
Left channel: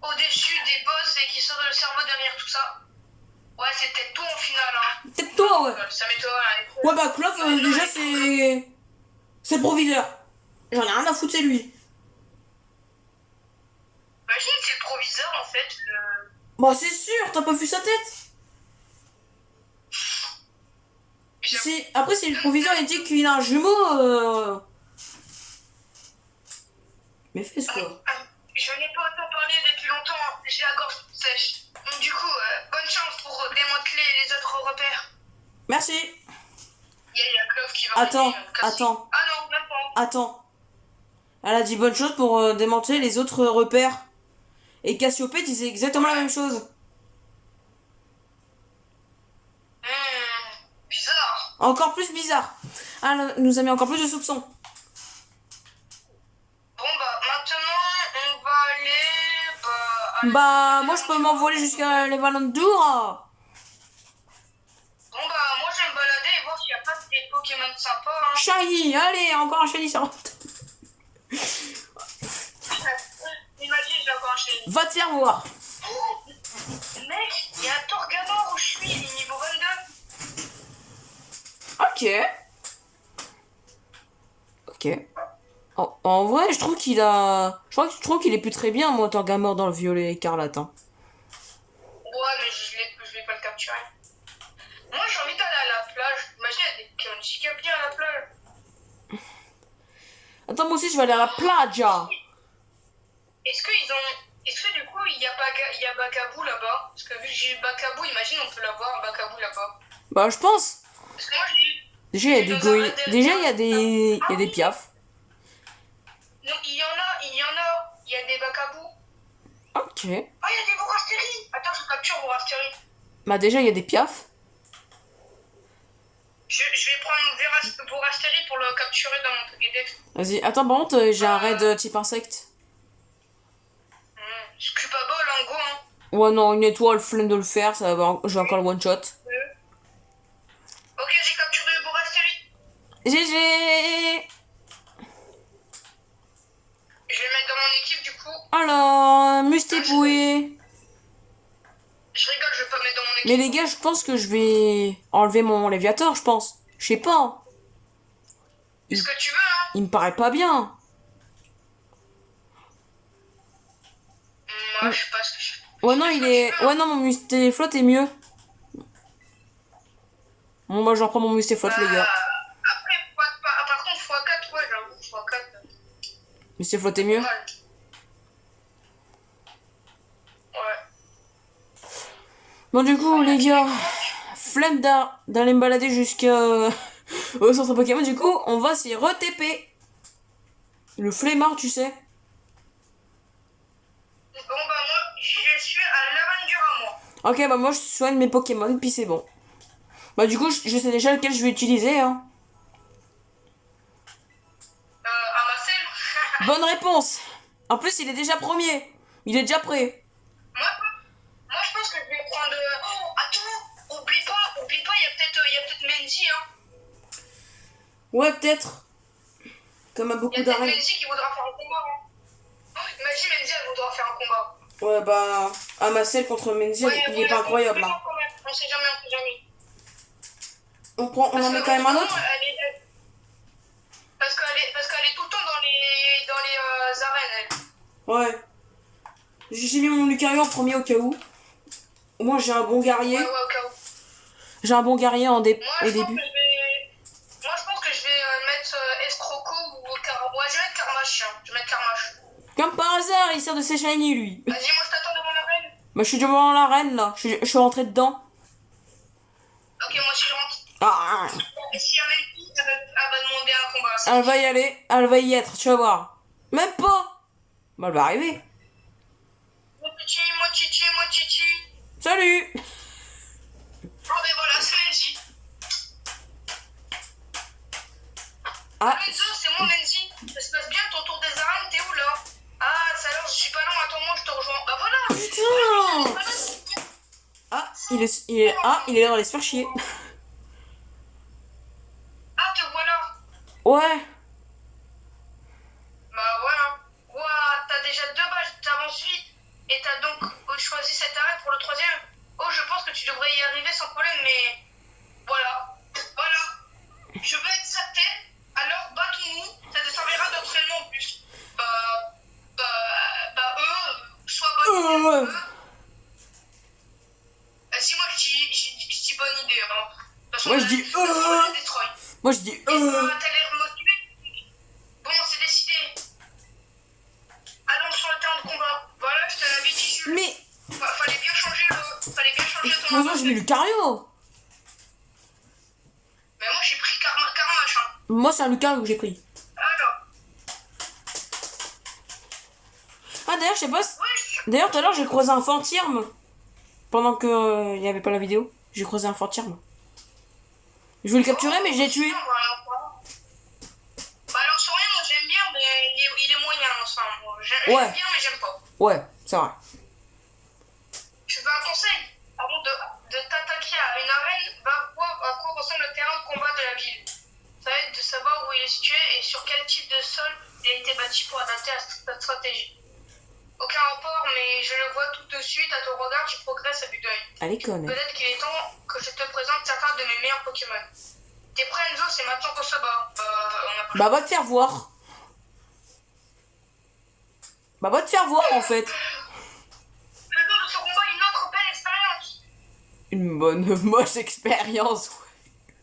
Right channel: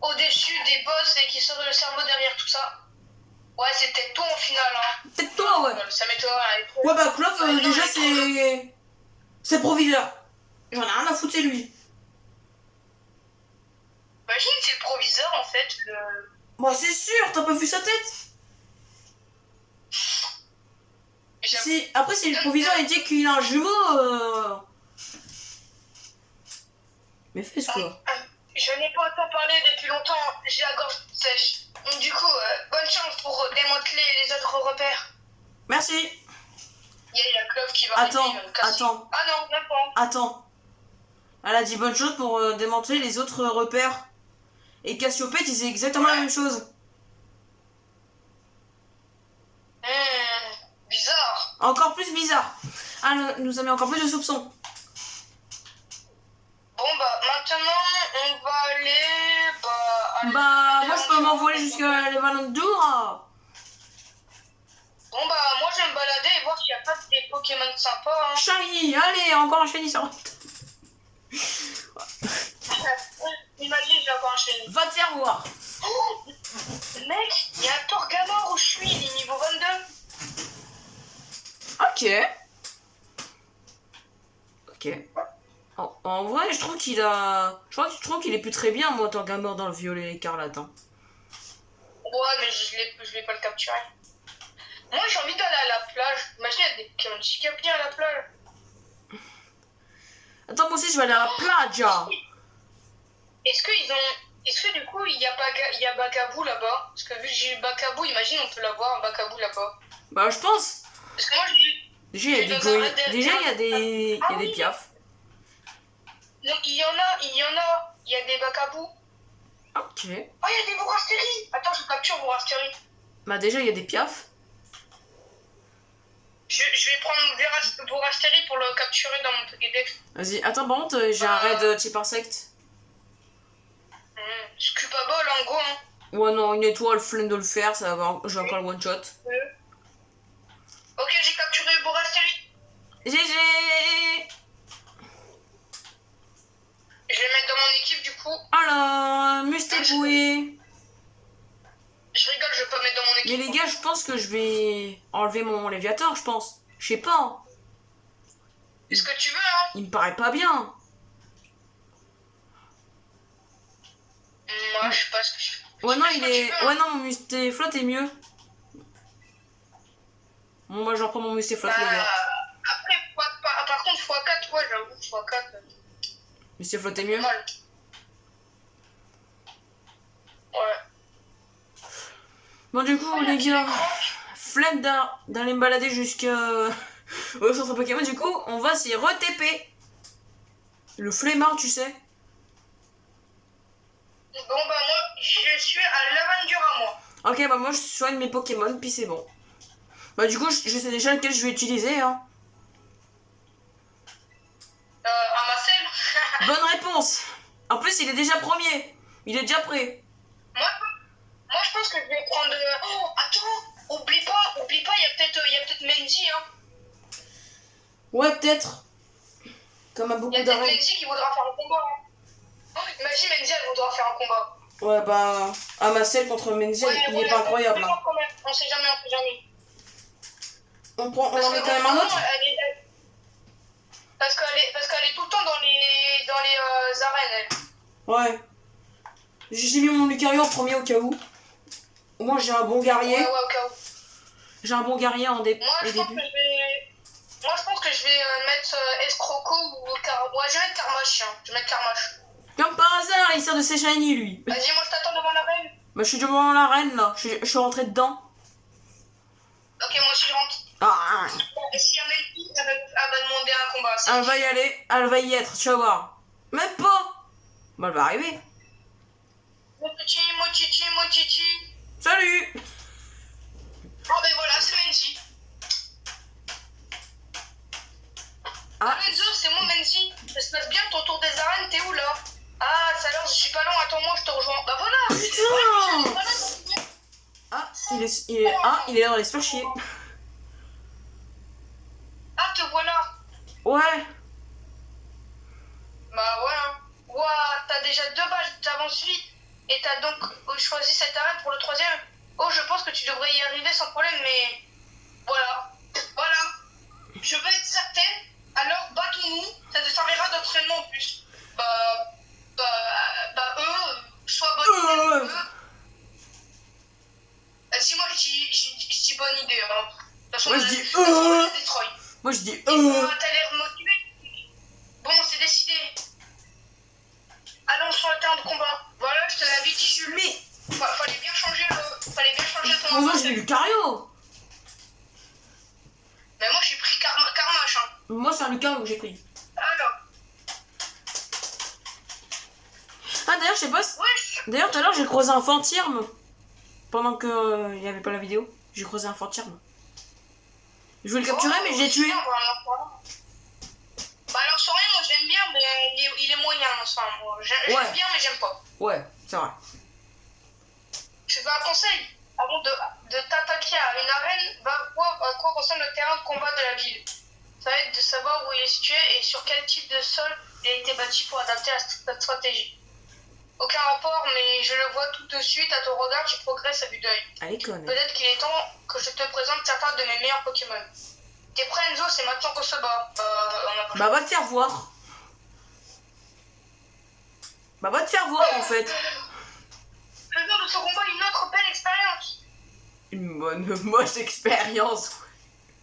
au-dessus des boss et qui serait le cerveau derrière tout ça. Ouais, c'est peut-être toi au final, hein. Peut-être toi, ouais. Ça m'étonne. Ouais, bah, Clove, déjà, c'est... C'est proviseur. J'en ai rien à foutre, c'est lui. Imagine, c'est le proviseur, en fait. Bah, c'est sûr, t'as pas vu sa tête? Si... Après, si le proviseur, il dit qu'il a un jumeau, Mais fais quoi? Je n'ai pas autant parlé depuis longtemps, j'ai la gorge sèche. Du coup, bonne chance pour démanteler les autres repères. Merci. Il y a Clove qui va Attends. Ah non, même pas. Attends. Elle a dit bonne chose pour démanteler les autres repères. Et Cassiope disait exactement la même chose. Bizarre. Encore plus bizarre. Elle nous a mis encore plus de soupçons. Bon bah maintenant on va aller... Moi je peux m'envoler jusqu'à le Valentour. Bon bah moi je vais me balader et voir s'il n'y a pas des Pokémon sympas. Hein. Shiny, allez, encore un Shiny sur... Imagine, j'ai encore un Shiny. Va te faire voir. Oh, mec, il y a un Torgamor où je suis, il est niveau 22. Ok. En vrai, je trouve qu'il a... Je trouve qu'il est plus très bien, moi, Torgamor dans le violet écarlate. Hein. Ouais, mais je vais pas le capturer. Moi, j'ai envie d'aller à la plage. Imagine, il y a des Pokémon bien à la plage. Attends, moi aussi, je vais aller à la plage. Est-ce que du coup, il y a Bakabou là-bas? Parce que vu que j'ai eu Bakabou, imagine, on peut l'avoir, Bakabou là-bas. Bah, je pense. Parce que moi, j'ai eu... Déjà, il y a des piafs. Non, il y en a, il y a des Bakabou. Ok. Ah, il y a des Bourastéries. Attends, je capture Bourastérie. Bah déjà, il y a des piafs. Je vais prendre Bourastérie pour le capturer dans mon Pokédex. Vas-y, attends, par contre, j'ai un raid type insecte. Scuba Ball en go, hein. Ouais, non, une étoile, flemme de le faire, ça va, j'ai encore le one shot. Ok, j'ai capturé Bourastérie. GG. Je vais mettre dans mon équipe du coup. Alors, Mustéboué. Je rigole, je vais pas mettre dans mon équipe. Mais les gars, je pense que je vais enlever mon Léviator, je pense. Je sais pas. C'est ce que tu veux, hein. Il me paraît pas bien. Moi, je sais pas ce que je fais. Ouais, non, il est... Ouais, non, mon Mustéflotte est mieux. Bon, moi, j'en prends mon Mustéflotte, les gars. Après, par contre, x4, ouais, j'avoue, x4. Mustéflotte est mieux. Mal. Ouais. Bon, du coup, les gars, flemme d'aller me balader jusqu'à... au centre Pokémon, du coup, on va s'y re-TP. Le flemmard, tu sais. Bon, bah, moi, je suis à l'Aventura, moi. Ok, bah moi, je soigne mes Pokémon, puis c'est bon. Bah, du coup, je sais déjà lequel je vais utiliser, hein. Amacel. Bonne réponse. En plus, il est déjà premier. Il est déjà prêt. Moi, je pense que je vais prendre... Oh, attends, oublie pas, il y a peut-être Mendy, hein. Ouais, peut-être. Comme à Il y beaucoup a peut-être d'arènes. Mendy qui voudra faire un combat, hein. Oh, imagine Mendy, elle voudra faire un combat. Ouais, bah, Amacel contre Menziel, Ouais, il est pas incroyable, hein. On sait jamais, on sait jamais. On en met quand même un autre. Parce qu'elle est tout le temps dans les arènes, elle. Ouais. J'ai mis mon Lucario en premier au cas où. Moi, j'ai un bon guerrier. Ouais, au cas où. J'ai un bon guerrier au début. Moi, je pense que je vais mettre Escroco ou ouais, je vais mettre Karmash. Hein. Je vais mettre Karmash. Comme par hasard, il sort de ses shiny, lui. Vas-y, moi, je t'attends devant l'arène. Bah, je suis devant l'arène, là. Je suis rentré dedans. Ok, moi aussi, je rentre. Ah. Et si elle est qui, elle va demander un combat. Elle va y aller. Elle va y être, tu vas voir. Même pas. Bah, elle va arriver. Moi, Titi. Salut. Oh, ben voilà, c'est Menzi. Ah. Enzo, c'est moi, Menzi. Ça se passe bien ton tour des arènes, t'es où là? Ah, ça alors, je suis pas loin, attends-moi, je te rejoins. Bah voilà. Putain. Ah, il est là dans les se faire chier. Ah, te voilà. Ouais. Bah voilà. Ouah, t'as déjà 2 balles, t'avances vite. Et t'as donc choisi cette arène pour le 3e. Oh, je pense que tu devrais y arriver sans problème, mais... Voilà. Je veux être certaine, alors battons-nous, ça te servira d'entraînement en plus. Soit bonne idée, Vas-y, moi je dis bonne idée. Hein. De toute façon, Moi je dis Detroit. Moi je dis T'as l'air motivé. Bon, c'est décidé. Allons sur le terrain de combat. Voilà, je te l'avais dit, Jules. Mais... Fallait bien changer ton Moi j'ai mis Lucario. Mais moi j'ai pris Karmash. Hein. Moi c'est un Lucario que j'ai pris. Alors. Ah d'ailleurs je sais pas si... Ouais, D'ailleurs tout à l'heure j'ai croisé un Fantirme. Pendant que il n'y avait pas la vidéo. J'ai croisé un Fantirme. Je voulais le capturer mais je l'ai tué. Bah alors sur rien, moi j'aime bien, mais il est moyen. Enfin, j'aime bien mais j'aime pas. Ouais, c'est vrai. Tu veux un conseil? Avant de t'attaquer à une arène, va voir à quoi ressemble le terrain de combat de la ville. Ça va être de savoir où il est situé et sur quel type de sol il a été bâti pour adapter à cette stratégie. Aucun rapport, mais je le vois tout de suite à ton regard, tu progresses à vue d'œil. Allez, connais. Peut-être qu'il est temps que je te présente certains de mes meilleurs Pokémon. T'es prêt, Enzo? C'est maintenant qu'on se bat. Bah va te faire voir. Bah va te faire voir en fait. Faisons de ce combat une autre belle expérience. Une bonne moche expérience.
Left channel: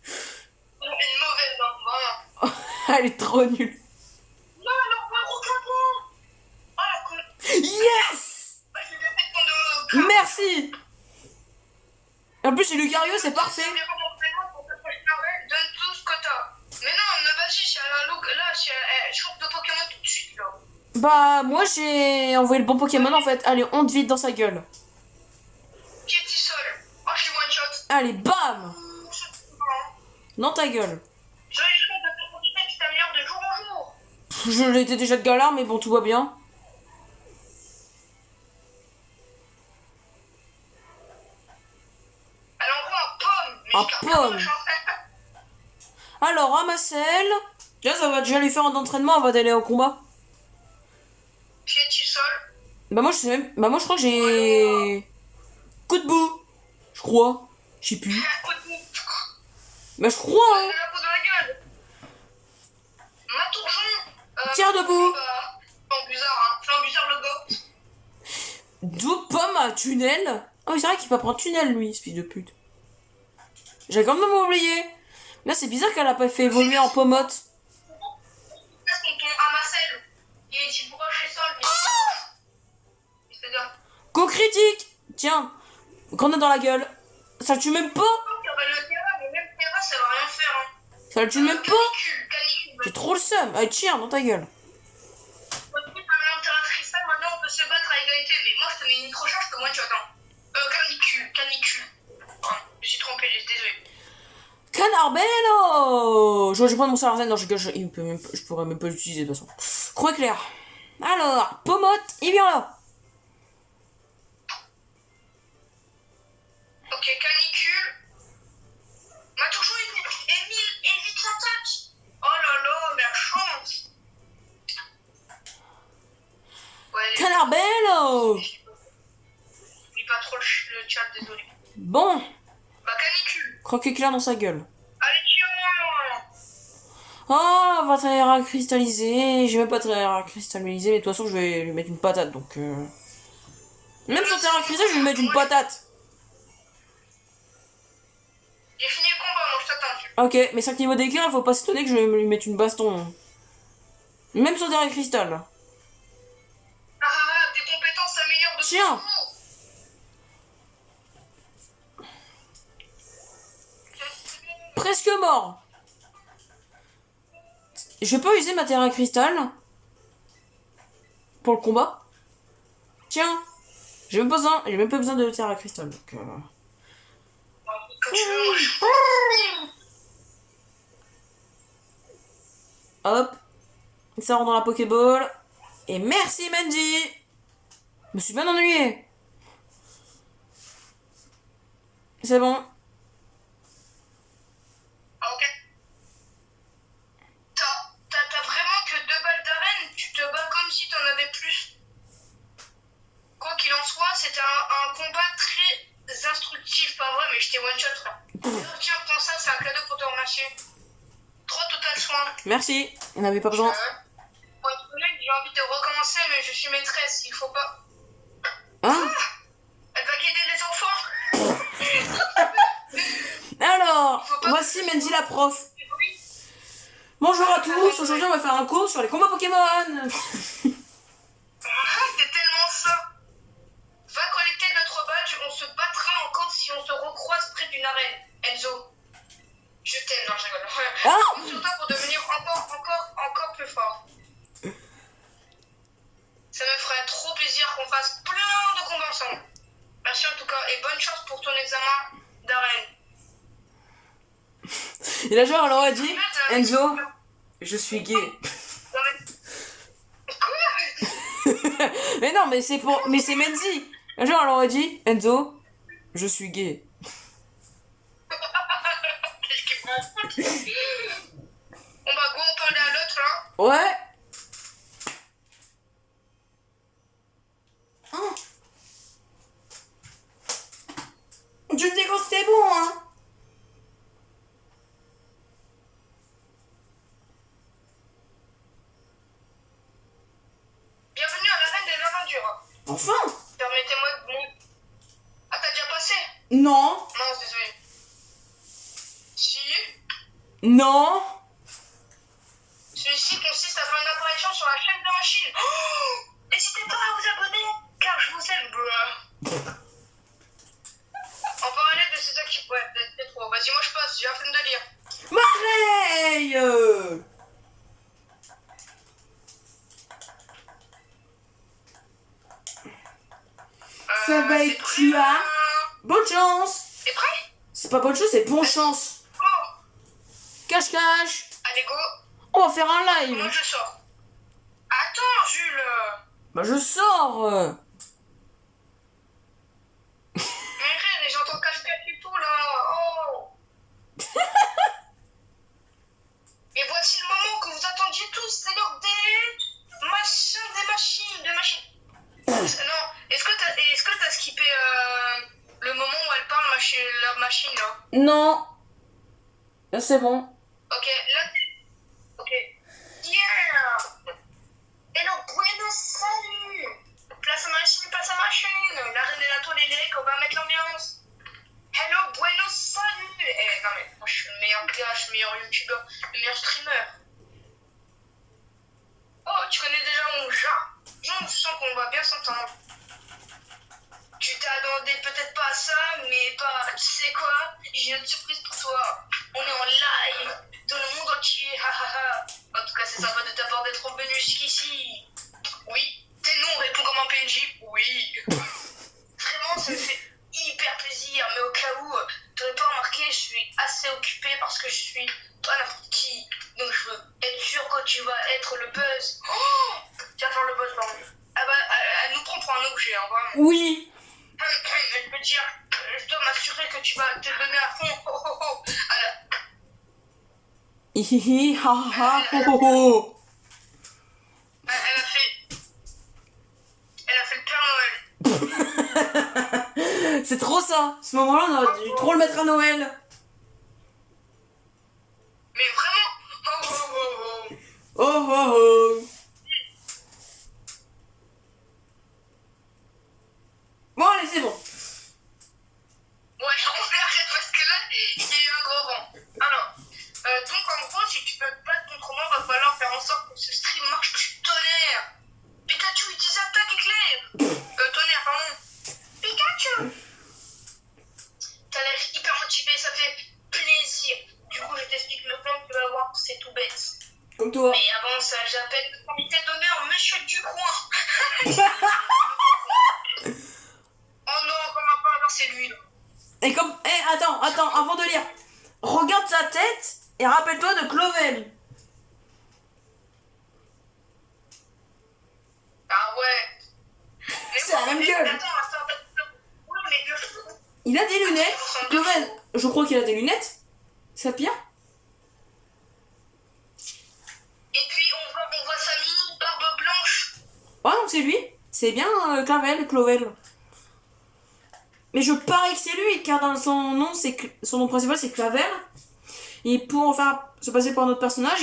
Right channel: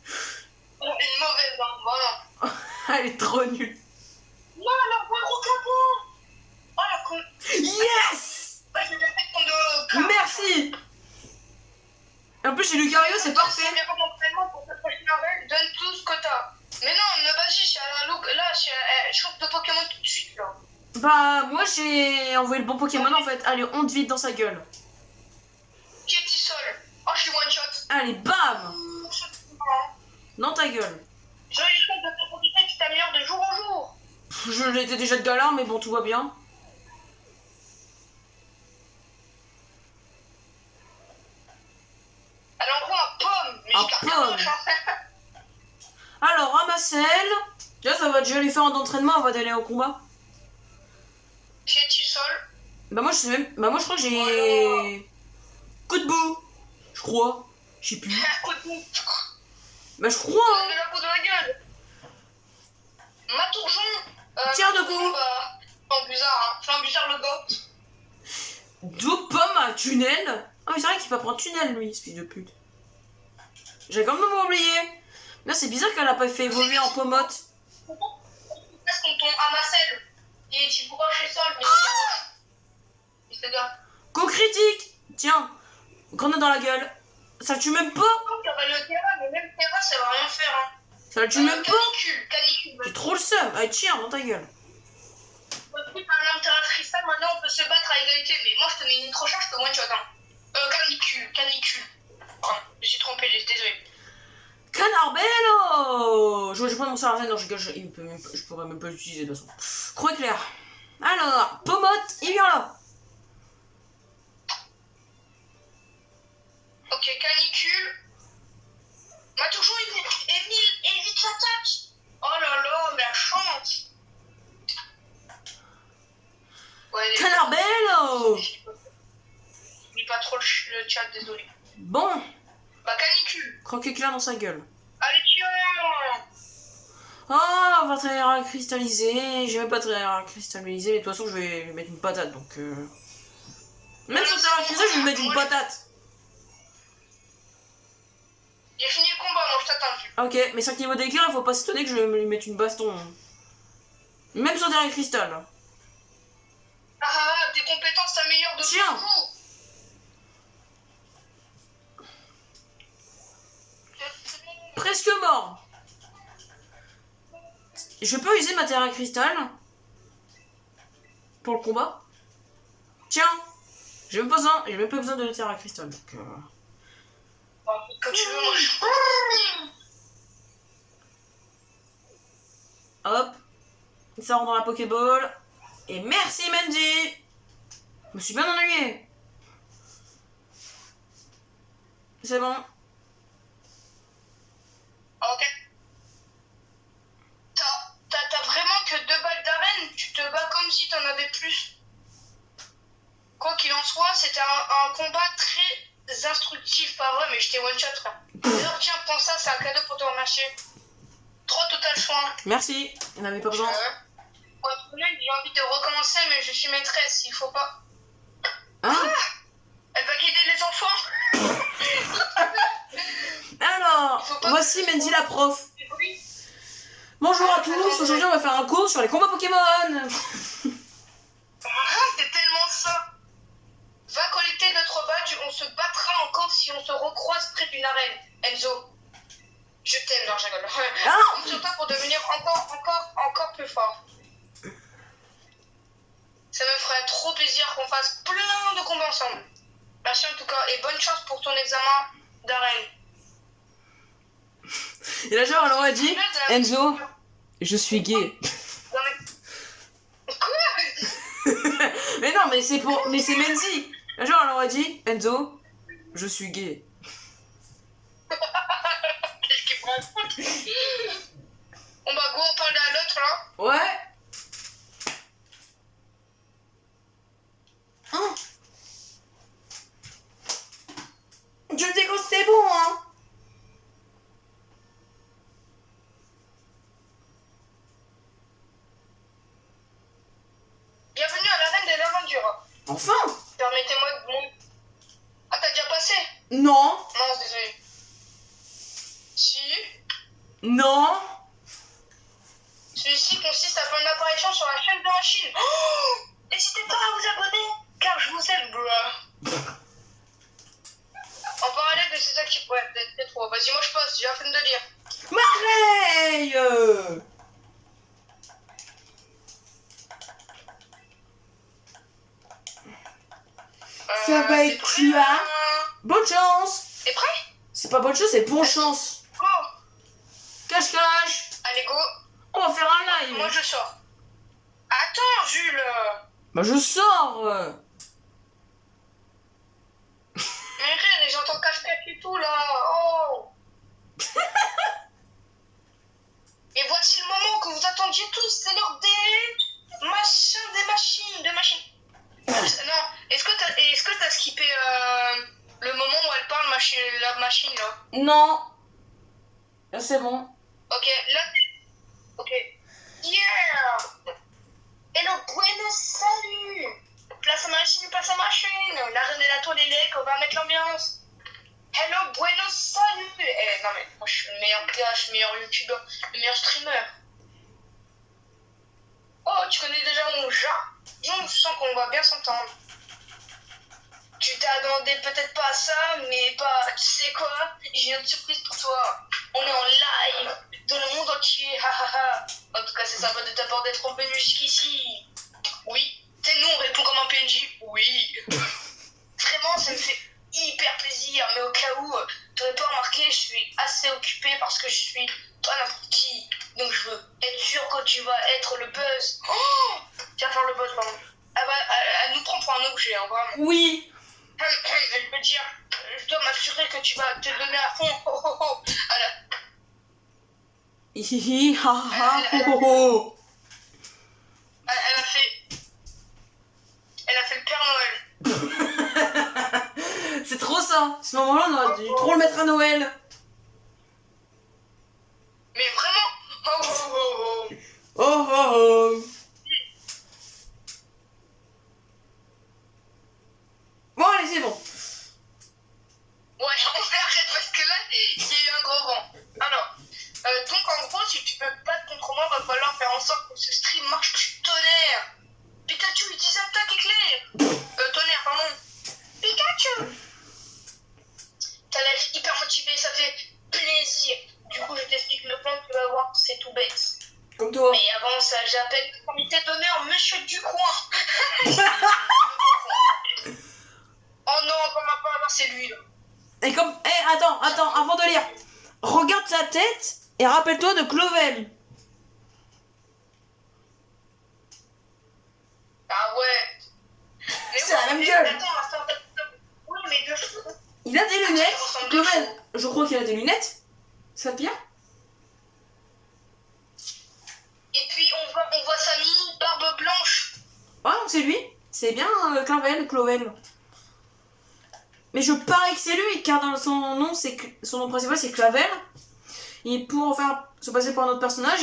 Une mauvaise, hein, vraiment. Elle est trop nulle. Non, alors, ouais, regarde. Oh la con. Yes. Bah, je vais mettre ton de... Merci. En plus chez Lucario c'est parfait. Donne tout ce que t'as. Mais non, mais vas-y, c'est un look. Là, je trouve de Pokémon tout de suite, là. Bah, moi j'ai envoyé le bon Pokémon en fait. Allez, on te vide dans sa gueule. Pietisol. Oh, je suis one shot. Allez, bam! Dans ta gueule. Joli choix de ta profiter, tu t'améliores de jour en jour. Je l'étais déjà de galère, mais bon, tout va bien. Elle envoie un pomme. Mais Un je garde pomme. bien moche, hein. Alors, Ramassel. Là, ça va déjà lui faire un entraînement avant d'aller au combat. Pietisol. Bah, moi, je sais même. Bah, moi, je crois que j'ai. Coup de bout. Je crois. Je sais plus. Un coup de bout. Bah, je crois, hein. De la peau de la gueule. Matourjon. Tiens debout. Flambuzard, hein. Flambuzard le goat. Deux pommes à tunnel. Ah oui, c'est vrai qu'il peut prendre tunnel, lui, ce fils de pute. J'ai quand même oublié. Là, c'est bizarre qu'elle a pas fait évoluer en pommote. Qu'est-ce qu'on tombe à Marcel? Il est type broche et sol, mais il se gars. Go critique. Tiens. Grenade dans la gueule. Ça le tue même pas. Le terrain, mais même terrain, ça va rien faire. Hein. Ça le tue même pas. Canicule. J'ai trop le seum. Allez, tiens, dans ta gueule. Écoute, un terrain cristal, maintenant on peut se battre à égalité, mais moi je te mets une trop charge, je te one shot. Hein. Canicule. Oh, je suis trompé, désolé. Canarbello. Je vais prendre mon Sarazen. Non, je pourrais même pas l'utiliser de toute façon. Croix éclair. Alors, pommote, il vient là. Ok, canicule. M'a toujours évite l'attaque. Oh là là, la chance. Ouais, Canarbello. J'oublie pas trop le chat, désolé. Bon. Bah, canicule. Croix éclair dans sa gueule. Allez, tiens. Oh, va très à cristalliser. J'ai même pas très à cristalliser, mais de toute façon, je vais lui mettre une patate. Donc, même sur terrain cristal, je vais lui mettre une patate. J'ai fini le combat, moi je t'attends. Ok, mais 5 niveaux d'éclair, faut pas s'étonner que je vais lui mettre une baston. Même sur terrain cristal. Ah, tes compétences s'améliorent de Tiens. jour. Presque mort. Je peux user ma terre à cristal pour le combat. Tiens, j'ai même pas besoin de terre à cristal. Donc, Quand tu veux, moi je... hop, ça rentre dans la Pokéball. Et merci Manji. Je me suis bien ennuyé. C'est bon. Ok. T'as vraiment que 2 balles d'arène, tu te bats comme si t'en avais plus. Quoi qu'il en soit, c'était un combat très instructif, pas vrai, mais je t'ai one shot, frère. Alors tiens, prends ça, c'est un cadeau pour te remercier. 3 total soins. Merci, on n'avait pas besoin. Pour être honnête, j'ai envie de recommencer, mais je suis maîtresse, il faut pas. Hein? Elle va guider les enfants. Alors, voici Mandy la prof. Oui. Bonjour à tous, aujourd'hui on va faire un cours sur les combats Pokémon. Ah, c'est tellement ça. Va collecter notre badge, on se battra encore si on se recroise près d'une arène. Enzo, je t'aime, non, je rigole. Ah. Compte sur toi pour devenir encore plus fort. Ça me ferait trop plaisir qu'on fasse plein de combats ensemble. Merci en tout cas, et bonne chance pour ton examen d'arène. Et là genre elle aurait dit, Enzo, je suis gay. Ouais. Quoi? Mais non, mais c'est Mandy. Genre elle aurait dit, Enzo, je suis gay. Qu'est-ce qu'il prend? On va go en parler à l'autre là. Ouais. Hein? Tu me dis que c'est bon, hein? Bienvenue à l'arène des aventures. Enfin? Permettez-moi de... Ah, t'as déjà passé? Non. Non, désolé. Si. Non. Celui-ci consiste à faire une apparition sur la chaîne de la Chine. Oh, n'hésitez pas à vous abonner, car je vous aime, bro. En parallèle de ces actifs... Ouais, peut-être trop. Vas-y, moi je passe, j'ai la flemme de lire. Mareille. Ça va t'es être prêt, quoi? Bonne chance. T'es prêt? C'est pas bonne chance, c'est bonne chance. Go. Cache-cache. Allez, go. On va faire un Moi, live. je sors. Attends, Jules. Bah je sors. Mais regarde, j'entends cache-cache et tout, là. Oh. Et voici le moment que vous attendiez tous. C'est l'heure des machines. Non, est-ce que t'as skippé le moment où elle parle, la machine, là? Non. Là c'est bon. Ok, là, ok. Yeah! Hello, bueno, salut! Place à machine! La reine et la toile et les on va mettre l'ambiance. Hello, bueno, salut! Non mais, moi je suis le meilleur gars, je suis le meilleur youtubeur, le meilleur streamer. Oh, tu connais déjà mon chat? Je sens qu'on va bien s'entendre. Tu t'attendais peut-être pas à ça, mais pas. Tu sais quoi? J'ai une surprise pour toi. On est en live dans le monde entier. En tout cas, c'est sympa de ta part d'être revenu jusqu'ici. Oui. Tes noms répond comme un PNJ. Oui. Vraiment, ça me fait hyper plaisir. Mais au cas où, tu n'aurais pas remarqué, je suis assez occupé parce que je suis pas n'importe qui. Donc je veux être sûr que tu vas être le buzz. Oh, tu vas faire le buzz, pardon. Ah bah, elle nous prend pour un objet, hein, vraiment. Oui. Je veux dire, je dois m'assurer que tu vas te donner à fond. Alors, Hihihi, ha ha, ho ho ho. elle a fait le Père Noël. C'est trop ça. Ce moment-là, on aurait dû trop le mettre à Noël. Mais vraiment. Oh oh oh. Bon, allez, c'est bon. Ouais, on arrête parce que là, il y a eu un gros vent. Alors, donc en gros, si tu peux pas te contre moi, va falloir faire en sorte que ce stream marche du tonnerre. Pikachu utilise attaque éclair. Tonnerre, pardon. Pikachu. T'as l'air hyper motivé, ça fait plaisir. Du coup, je t'explique le plan, tu vas voir, c'est tout bête. Comme toi. Mais avant ça, j'appelle le comité d'honneur Monsieur Ducoin. Oh non, comme pas alors c'est lui là. Et comme... attends, avant de lire. Regarde sa tête et rappelle-toi de Clovel. Ah ouais. Mais C'est la même gueule. Attends. Oui, mais Dieu. Il a des lunettes. Clovel, je crois qu'il a des lunettes. Ça pire. Et puis on voit sa mini barbe blanche. Ouais, donc c'est lui. C'est bien Clovel. Mais je parie que c'est lui, car dans son nom principal c'est Clavel. Et pour faire se passer pour un autre personnage,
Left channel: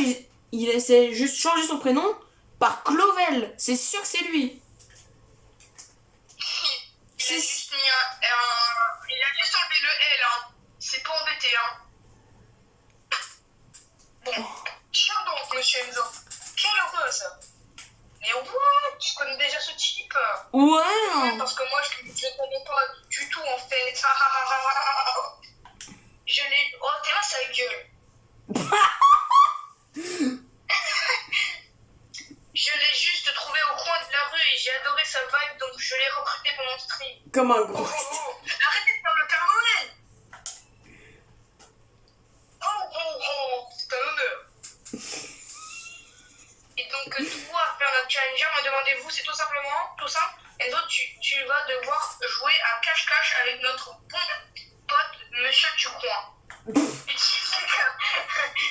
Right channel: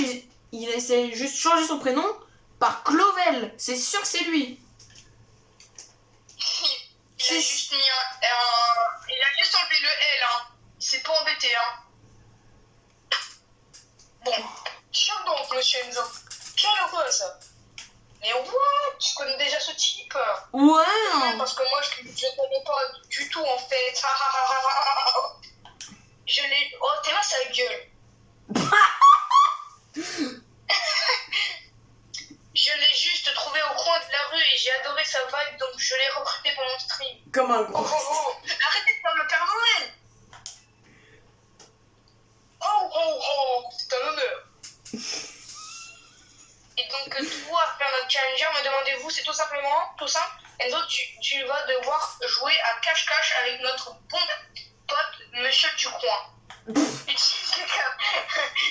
il essaie juste de changer son prénom par Clovel. C'est sûr que c'est lui. Il a juste mis il a juste enlevé le L, hein. C'est pas embêté, hein. Bon, tiens donc, monsieur Enzo. Quelle heureuse. Mais what? Tu connais déjà ce type? Ouais. Parce que moi, je connais pas du tout, en fait. Je l'ai... Oh, t'es là, sa gueule. Je l'ai juste trouvé au coin de la rue et j'ai adoré sa vibe, donc je l'ai recruté pour mon stream. Comme un gros. Arrêtez de faire le Père Noël. C'est un honneur. Et donc toi, faire notre challenger, me demandez-vous, c'est tout simple. Et donc tu vas devoir jouer à cache-cache avec notre bon pote, Monsieur Ducoin.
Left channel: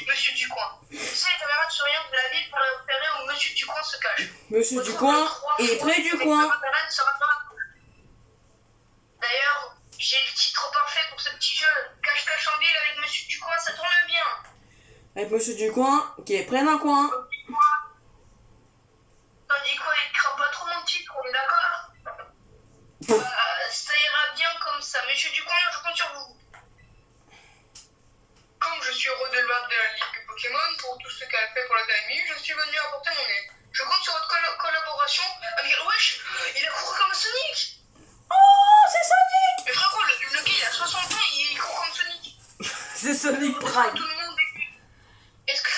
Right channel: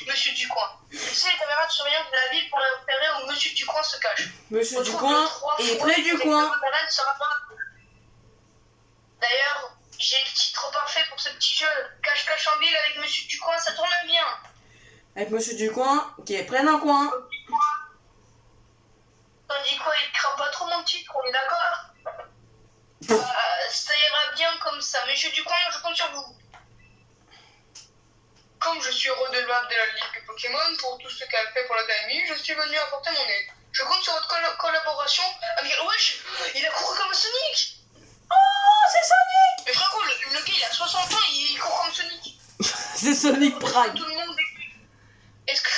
Monsieur Ducoin. Utilisez les caméras de surveillance de la ville pour repérer où Monsieur Ducoin se cache. Monsieur Ducoin est près du coin. D'ailleurs, j'ai le titre parfait pour ce petit jeu. Cache-cache en ville avec Monsieur Ducoin, ça tourne bien. Avec Monsieur Ducoin qui est près d'un coin. Tandis quoi, il craint pas trop mon titre, on est d'accord? Ça ira bien comme ça. Monsieur Ducoin, je compte sur vous. Comme je suis redevable de la Ligue Pokémon pour tout ce qu'elle fait pour l'académie, je suis venu apporter mon aide. Je compte sur votre collaboration avec... Wesh, il a couru comme Sonic. Oh, c'est Sonic. Mais frérot, le gars, il a 60 ans, il court comme Sonic. C'est Sonic Prime. Tout le monde est... Est-ce que...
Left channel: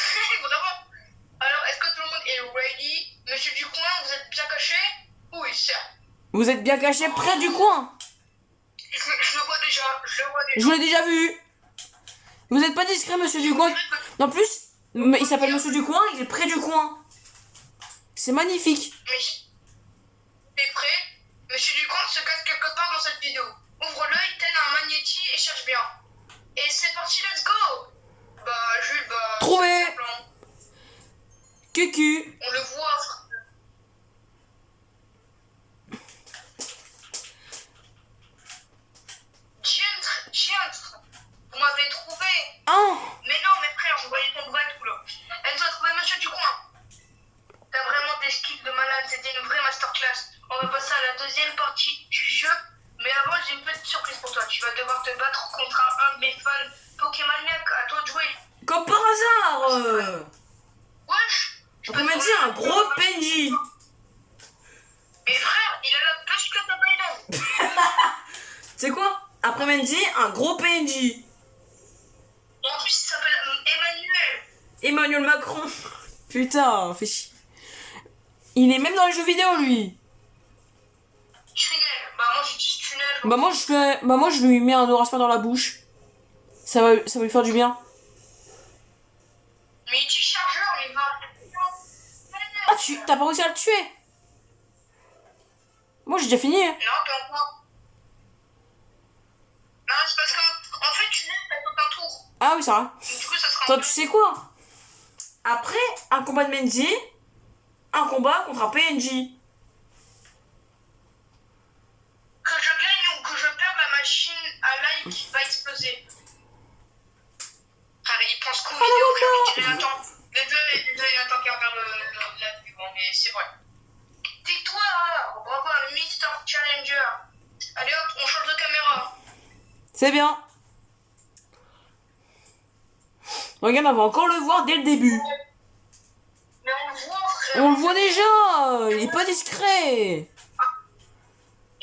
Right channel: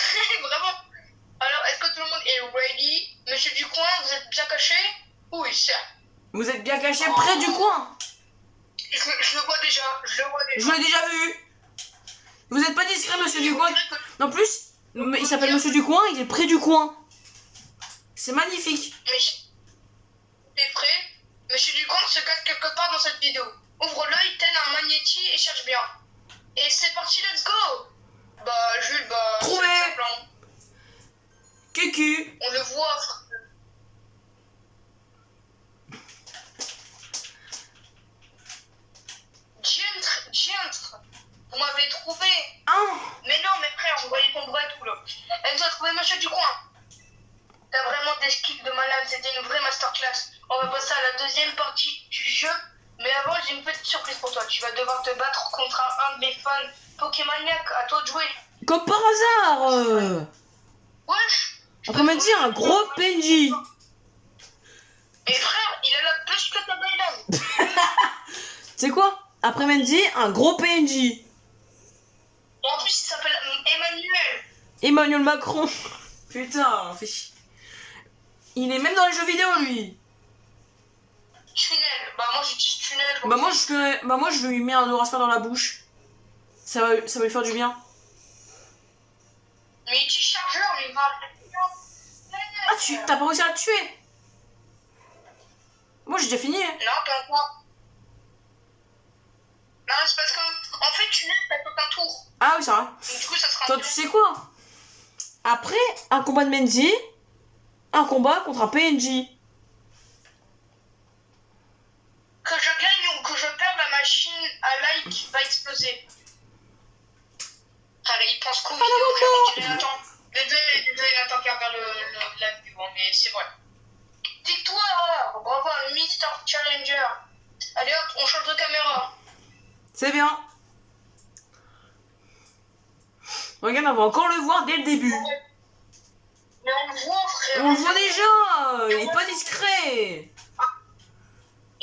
Vraiment? Alors, est-ce que tout le monde est ready? Monsieur Ducoin, vous êtes bien caché? Oui, ça. Vous êtes bien caché près du coin. Je le vois déjà, je le vois déjà. Je l'ai déjà vu. Vous n'êtes pas discret, monsieur Ducoin. En plus, il s'appelle monsieur Ducoin, il est près du coin. C'est magnifique. T'es prêt? Monsieur Ducomte se cache quelque part dans cette vidéo. Ouvre l'œil, tel un magnéti et cherche bien. Et c'est parti, let's go! Bah, Jules, bah. Trouvé. c'est simple, hein. Cucu. On le voit, frère. Diantre, vous m'avez trouvé. Oh. Mais non, mes frères, vous voyez ton bras et tout là. Elle nous a trouvé monsieur Ducoin. T'as vraiment des skills de malade, c'était une vraie masterclass. On va passer à la deuxième partie du jeu. Mais avant, j'ai une petite surprise pour toi. Tu vas devoir te battre contre un de mes fans Pokémoniac. À toi de jouer. Comme par hasard. Wesh. Après-midi, un gros PNJ. Et frère, il a la plus que ta baïlane. C'est quoi? Après-midi, un gros PNJ. Et en plus, il s'appelle Emmanuel. Emmanuel Macron. Putain, fais chier. Il est même dans les jeux vidéo, lui. Tunnel. Bah, moi, j'utilise tunnel. Bah moi je lui mets un Auraspa dans la bouche. Ça va lui faire du bien. Mais il tue chargeur, mais il va. Ah, t'as pas réussi à le tuer? Moi j'ai déjà fini. Non, pas encore. Non, c'est parce que, en fait, tunnel, ça fait un tour. Ah oui, ça va. Donc, du coup, ça sera Toi, tu sais quoi? Après un combat de Mendy, un combat contre un PNJ. Que je gagne ou que je perde, la machine à like va exploser. Frère, il pense qu'aux vidéos, frère. Désolé, Nathan qui regarde la pub, hein, mais c'est vrai. Victoire! Bravo à Mr. Challenger. Allez hop, on change de caméra. C'est bien. Regarde, on va encore le voir dès le début. Mais on le voit, frère. On le voit déjà. Il est pas discret.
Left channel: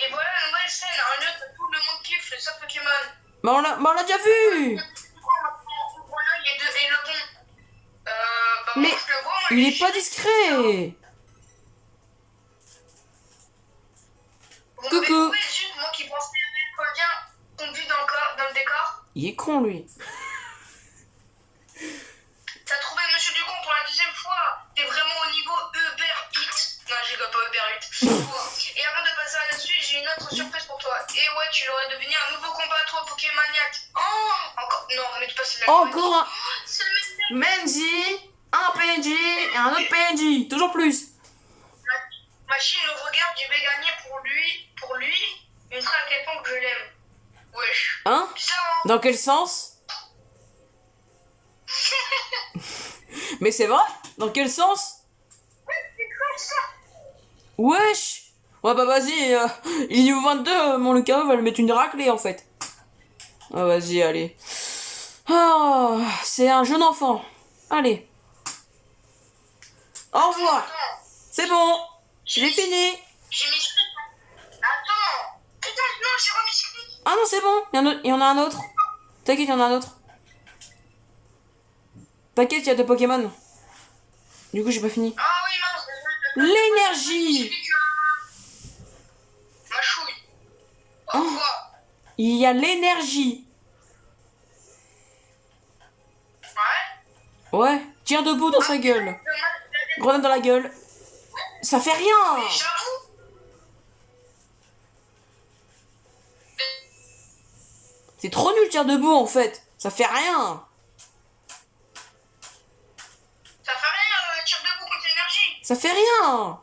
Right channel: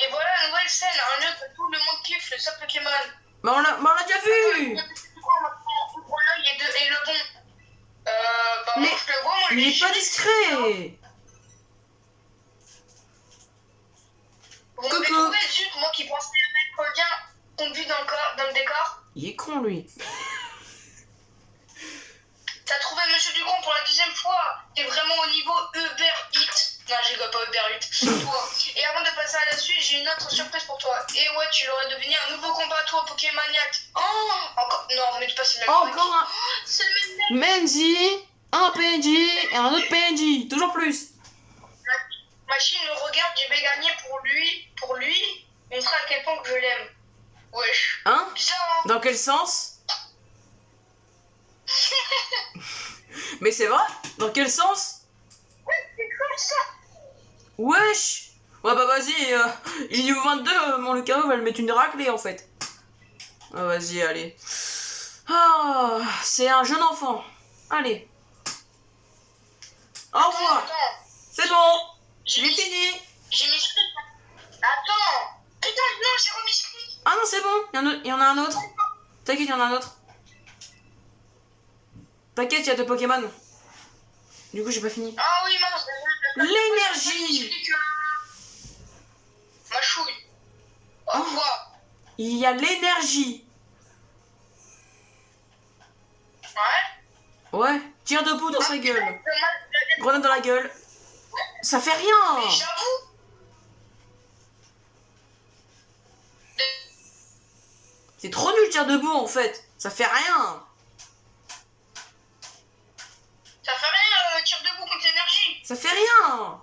Et voilà la nouvelle scène, un lieu que tout le monde kiffe, le sub Pokémon. Bah on l'a déjà vu. Ouvre l'œil et le bon. Bah Mais moi je le vois, moi il est pas discret. Vous Coucou. m'avez trouvé, zut, moi qui pensais être bien conduit dans le décor. Il est con lui. T'as trouvé Monsieur Ducon pour la deuxième fois. T'es vraiment au niveau Uber Eats. Non, je rigole pas Uber Eats. Et avant de passer à la suite, j'ai une autre surprise pour toi. Et ouais, tu l'aurais deviné un nouveau combat toi, Pokémoniac. Oh, encore. Non, mais tu passes le même. Encore un C'est le même. Mendy, un PNJ et un autre PNJ. Toujours plus. Machine le regarde, je vais gagner pour lui, montrer à quel point que je l'aime. Wesh. Hein? Bizarre, hein? Dans quel sens? Mais c'est vrai? Dans quel sens? C'est comme ça. Wesh! Ouais bah vas-y, il est niveau 22, mon Lucas va le mettre une raclée en fait. Ah vas-y, allez. Ah, c'est un jeune enfant. Allez. Au revoir. Attends, C'est bon. j'ai J'ai mis- fini. J'ai mis script. Attends. Putain, non, j'ai remis script. Ah non, c'est bon. Il y en a un autre. T'inquiète, il y en a un autre. T'inquiète, il y a deux Pokémon. Du coup, j'ai pas fini. Ah oui, mince. L'énergie. Ma chouille. Au Oh. revoir. Il y a l'énergie. Ouais. Ouais. Tire debout dans sa gueule. Mais Grenade dans la gueule. Ça fait rien. j'avoue. C'est trop nul, tire debout en fait. Ça fait rien. Ça fait rien, tire debout contre l'énergie. Ça fait rien.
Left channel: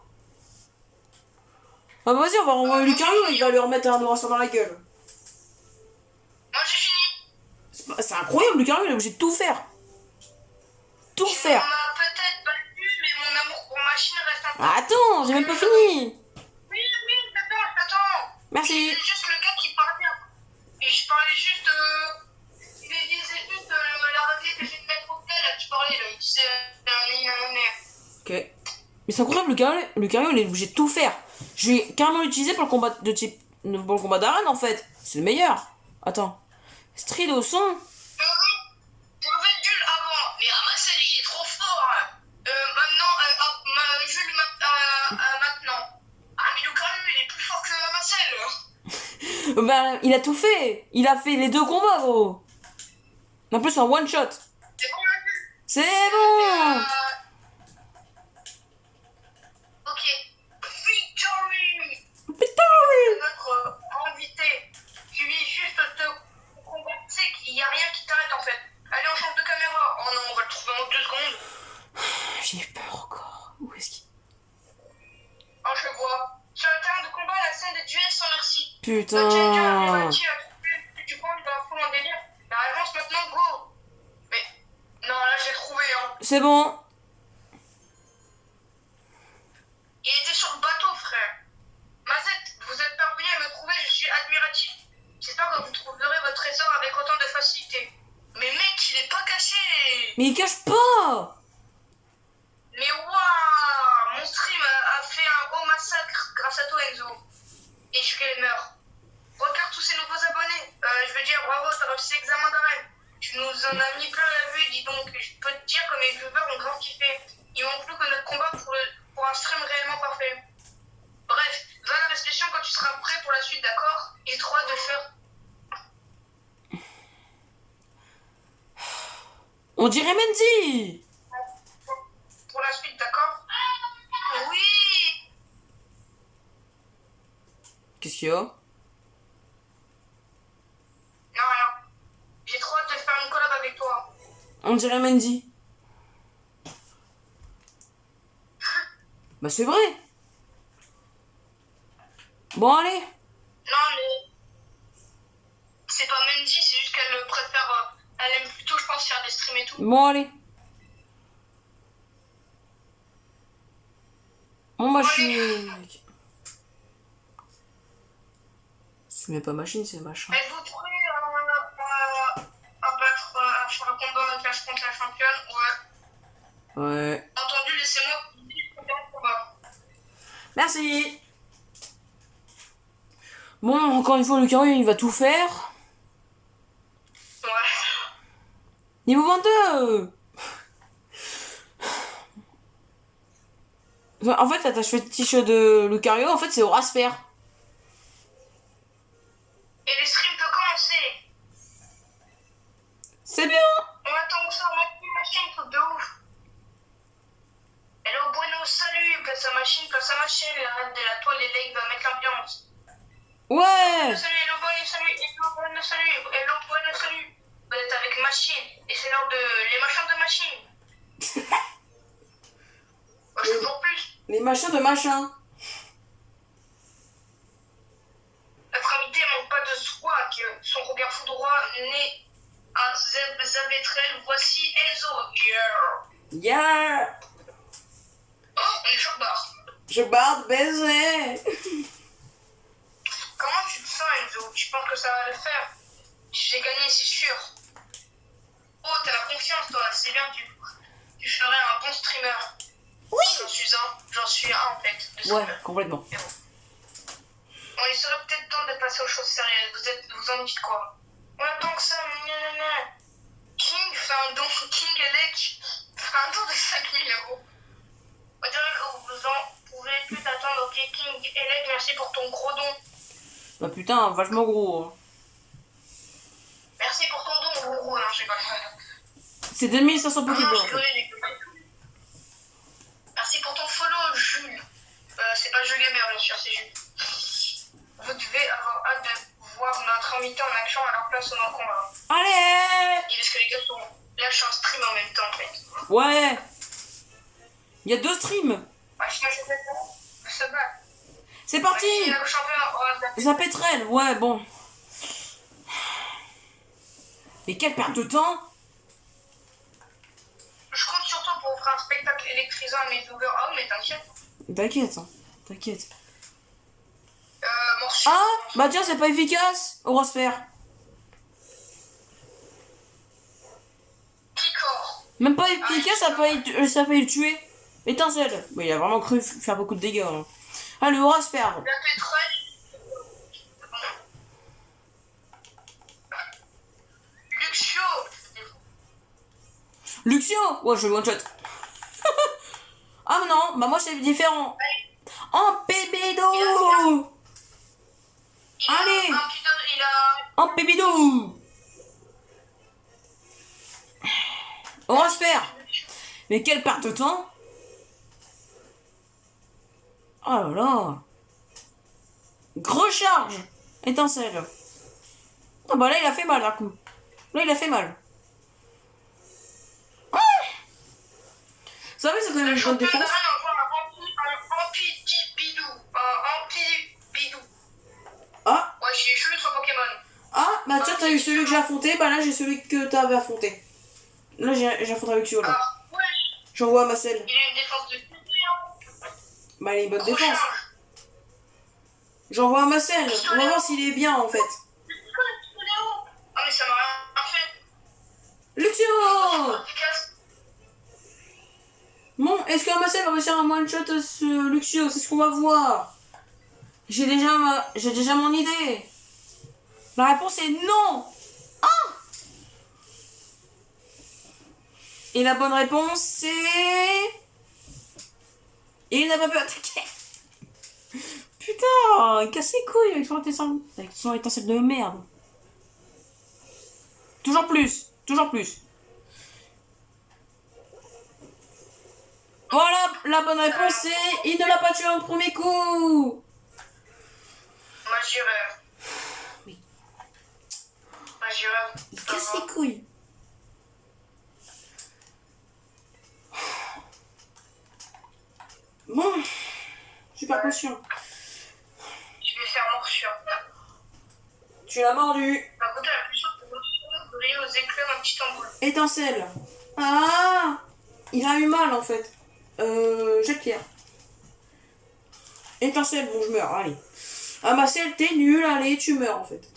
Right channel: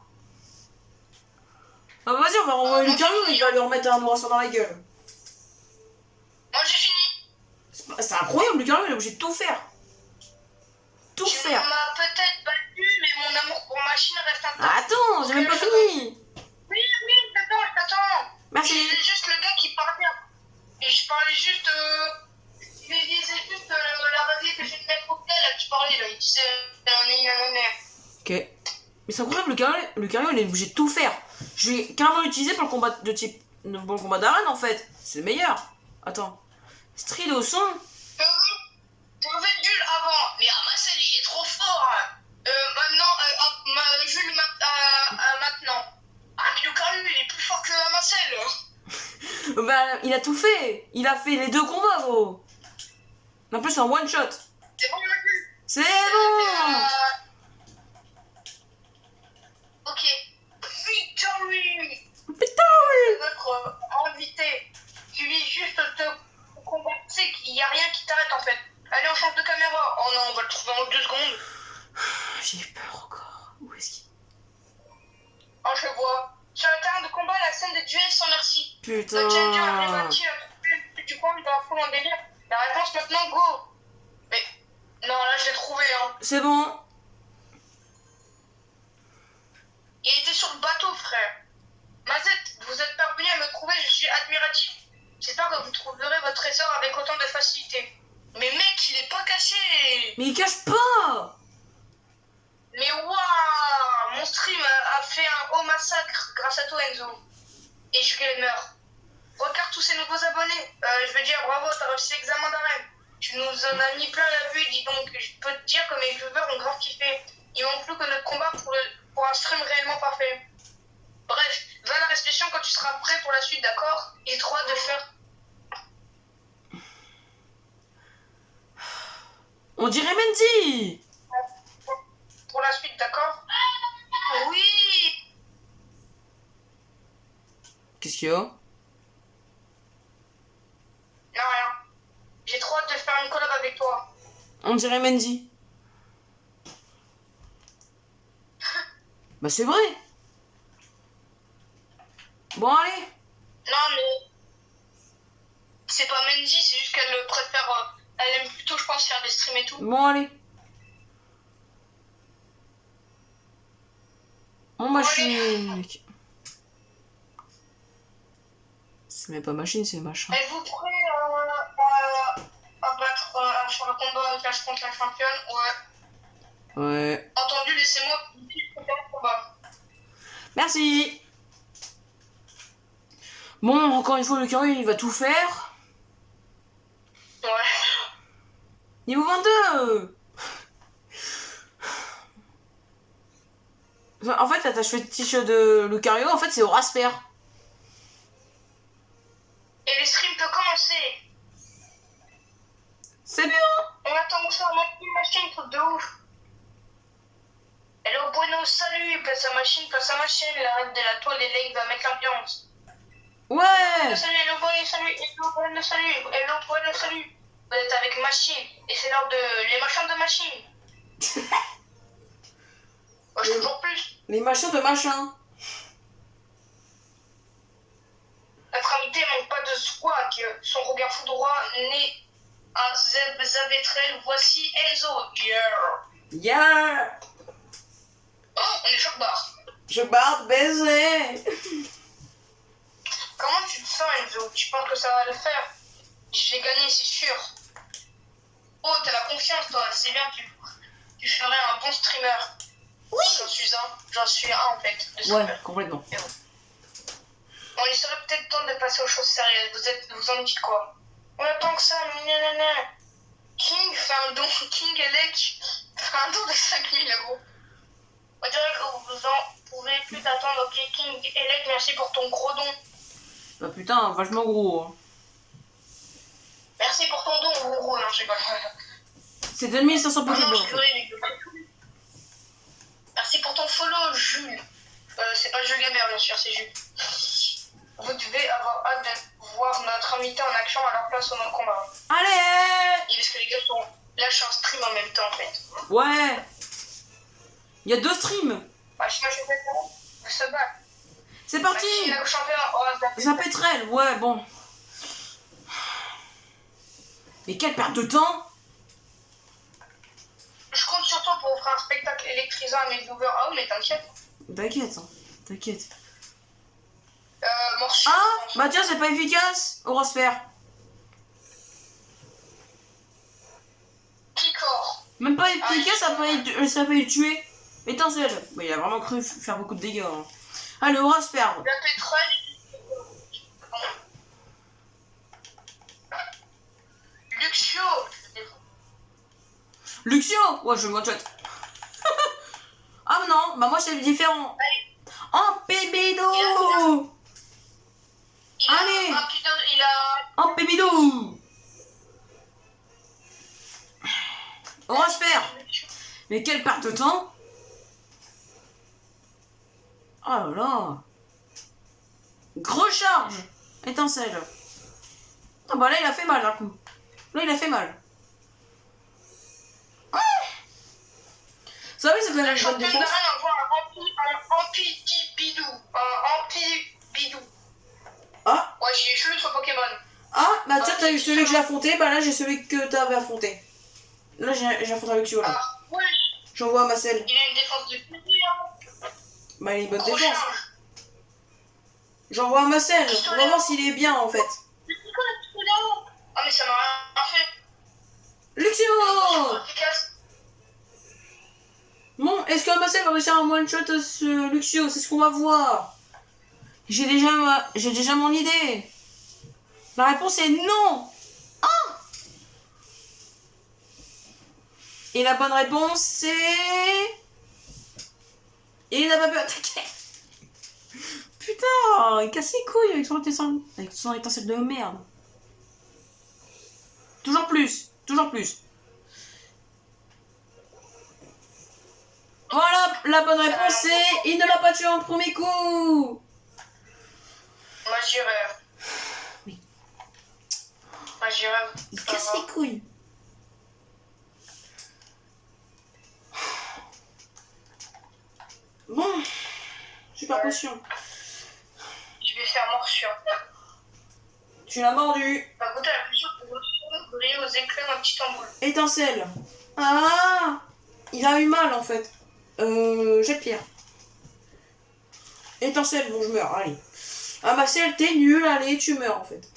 Ah vas-y, on va renvoyer Lucario, il va lui remettre un Nourasson dans la gueule. Moi j'ai fini. C'est incroyable, Lucario, il est obligé de tout faire. Tout Tu faire. m'as peut-être battu, mais mon amour pour machine reste intact. Attends, j'ai même pas fini. Oui, t'attends. Merci. C'est juste le gars qui parlait. Et je parlais juste. Il disait juste la règle que je vais te mettre au pied, là, qui parlait, là. Il disait un honneur. Ok. Mais c'est incroyable, Lucario, il est obligé de tout faire. Je vais carrément l'utiliser pour le combat de type. Pour le combat d'arène en fait. C'est le meilleur. Attends. Strido son. Pour le Jules avant, mais Amassel il est trop fort. Maintenant, Jules maintenant. Ah, mais Lucario il est plus fort que Bah, il a tout fait. Il a fait les 2 combats, gros. En plus, en one shot. C'est bon, Jules. C'est bon. Ok. Victory. Victory. Notre invité. Tu vis juste te combattre. Tu sais qu'il n'y a rien qui t'arrête en fait. Allez, on change de caméra. Oh non, on va le trouver en 2 secondes. J'ai peur encore. Où est-ce qu'il... Oh, je le vois. Sur le terrain de combat, la scène de duel sans merci. Putain. Le challenger révolté a trouvé du coin de la foule en délire. La réponse maintenant, go. Mais non, là, je l'ai trouvé. Hein. C'est bon. Il était sur le bateau, frère. Mazette, vous êtes parvenu à me trouver, je suis admiratif. J'espère que vous trouverez votre trésor avec autant de facilité. Mais mec, il est pas caché. Mais il cache pas. Mais waouh, mon stream a fait un haut massacre grâce à toi, Enzo. Et je gamer. Regarde tous ces nouveaux abonnés. Je veux dire, bravo, t'as réussi l'examen d'arène. Tu nous en as mis plein la vue, dis donc. Je peux te dire que mes viewers ont grave kiffé. Il manque plus que notre combat pour un stream réellement parfait. Bref, va à la respiration quand tu seras prêt pour la suite, d'accord? J'ai trop hâte de faire. On dirait Mendy. Pour la suite, d'accord? Oui. Qu'est-ce qu'il y a? Non, rien. J'ai trop hâte de faire une collab avec toi. On dirait Mendy. Bah c'est vrai. Bon allez. Non, mais c'est pas Mendy, c'est juste qu'elle préfère. Elle aime plutôt, je pense, faire des streams et tout. Bon allez. Bon machine, mec. C'est même pas machine, c'est machin. Êtes-vous prêts à battre, à faire le combat clash contre la championne? Ouais. Ouais. Entendu, laissez-moi faire le combat. Merci. Bon, encore une fois, le carré, il va tout faire. Ouais. Niveau 22. En fait, l'attache fétiche de Lucario, en fait, c'est au Rasper. Et le stream peut commencer. C'est bien. On attend que ça, on a une machine, truc de ouf. Elle est au Buenos, salut, place à machine, la reine de la toile, et là, il va mettre l'ambiance. Ouais. Salut, hello, Buenos, salut, hello, Buenos, salut, hello, Buenos, salut. Vous êtes avec machine, et c'est l'heure de les machins de machine. Je toujours plus. Les machins de machin. Notre invité manque pas de swag, son regard foudroyant né un Zavetrel, voici Enzo. Yeah. Yeah. Oh, on est choc barre. Je barre baiser. Comment tu te sens, Enzo? Tu penses que ça va le faire? J'ai gagné, c'est sûr. Oh, t'as la confiance, toi. C'est bien, tu ferais un bon streamer. Oui. J'en suis un en fait. Ouais, complètement. Bon, il serait peut-être temps de passer aux choses sérieuses. Vous en dites quoi? On attend que ça. King fait un don. King Elec fait un don de 5000 €. On dirait que vous en pouvez plus d'attendre. Ok, King Elec, merci pour ton gros don. Bah putain, vachement gros. Hein. Merci pour ton don, gros. Non, je sais pas. C'est 2500 Pokéballs. En fait. Merci pour ton follow, Jules. C'est pas Jules Gamer, bien sûr, c'est Jules. Vous devez avoir hâte de voir notre invité en action à leur place au dans le combat. Allez. Et parce que les gars sont lâchent un stream en même temps, en fait. Ouais. Il y a 2 streams. Bah, moi, je vais pas se battre. C'est parti. Zapetrel, ouais, bon. Mais quelle perte de temps. Je compte sur toi pour offrir un spectacle électrisant à mes viewers. Ah oui, mais t'inquiète. T'inquiète, hein. T'inquiète. Morceau. Ah, bah tiens, c'est pas efficace. Au Rasper. Picor. Même pas efficace, ça peut le tuer. Étincelle. Mais il a vraiment cru faire beaucoup de dégâts. Hein. Allez, au Rasper. La pétrole. Luxio. Luxio. Ouais, je le one-shot. Ah mais non, bah moi c'est différent. En pébido. Allez. Un petit Mais quelle perte de temps! Oh là là! Gros charge! Étincelle. Ah bah là, il a fait mal, d'un coup. Là, il a fait mal. Ah, ça oui, c'est quand même une bonne défense. Ah! Ouais, j'ai eu l'autre Pokémon. Ah, bah tiens, t'as eu celui que j'ai affronté, bah là, j'ai celui que t'avais affronté. Là, j'ai affronté Luxio, là. Ah, ouais. J'envoie Marcel. Il a une défense de plus, hein. Bah, il a une bonne Gros défense. charge. J'envoie Marcel. On va voir s'il est bien, en fait. Ah, mais ça m'a rien fait. Luxio! Efficace. Bon, est-ce que Marcel va réussir un one-shot ce Luxio? C'est ce qu'on va voir. J'ai déjà mon idée. La réponse est non. Ah! Et la bonne réponse c'est... Et il n'a pas pu attaquer. Putain, il casse les couilles avec son étincelle de merde. Toujours plus, toujours plus. Voilà, la bonne réponse c'est... Il ne l'a pas tué en premier coup. Moi j'y rêve. Oui. Moi j'y rêve. Il casse les couilles. Bon, super potion. Je vais faire morsure. Tu l'as mordu. Par contre, la potion pour briller aux éclats d'un petit tambour. Étincelle. Ah, il a eu mal en fait. Jet de pierre. Étincelle, bon je meurs, allez. Ah Marcel, t'es nul, allez, tu meurs en fait.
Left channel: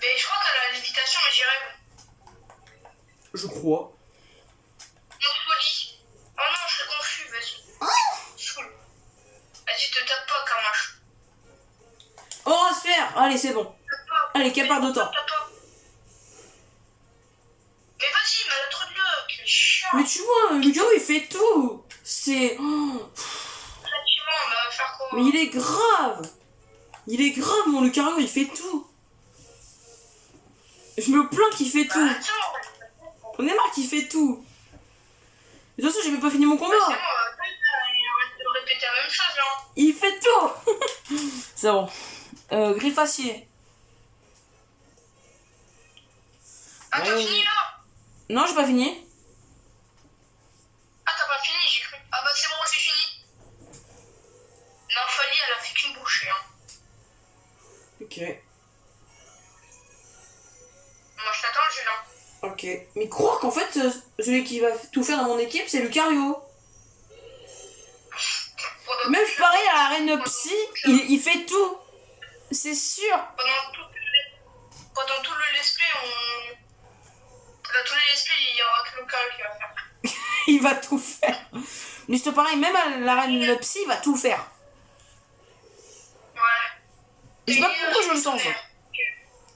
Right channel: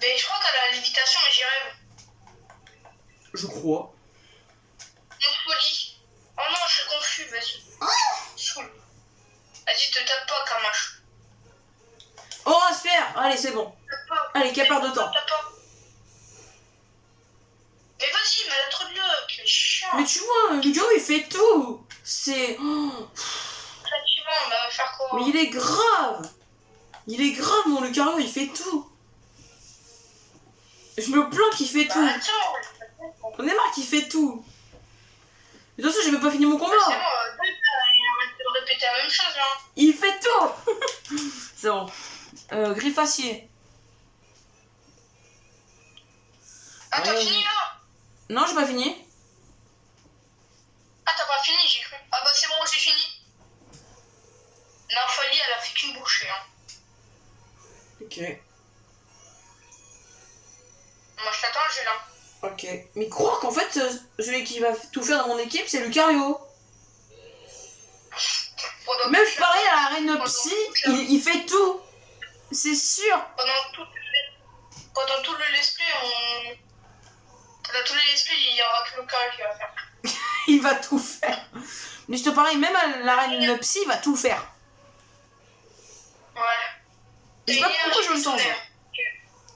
Mais je crois qu'elle a la lévitation, mais j'y rêve. Je crois. Morpholie. Oh non, je suis confus, vas-y. Saoule. Vas-y, te tape pas, Kamash. Horace, allez, c'est bon. Tape pas. Allez, quelle part de temps. Tape pas. Mais vas-y, mais elle a trop de luck, elle est chiant. Mais tu vois, Ludo il fait tout. C'est... Oh. Effectivement, on va faire quoi? Mais il est grave. Il est grave, mon Lucario, il fait tout. Je me plains qu'il fait tout. Attends. On est marre qu'il fait tout. De toute façon, j'ai même pas fini mon combat. C'est bon, arrête de répéter la même chose, là. Il fait tout. C'est bon. Griffacier. Ah, t'as fini, là? Non, j'ai pas fini. Ah, t'as pas fini, j'ai cru. Ah bah c'est bon, j'ai fini. Non, Folie, elle a fait qu'une bouchée, hein. Ok. Moi, je t'attends, Julien. Ok. Mais croire qu'en fait, celui qui va tout faire dans mon équipe, c'est Lucario. Même pareil à la reine psy, il fait tout. C'est sûr. Pendant tout le let's play, dans tous les let's play, il y aura que Lucario qui va faire. Il va tout faire. Mais je te pareil, même à la reine psy, il va tout faire. Ouais. Je sais pas pourquoi je le sens, ça.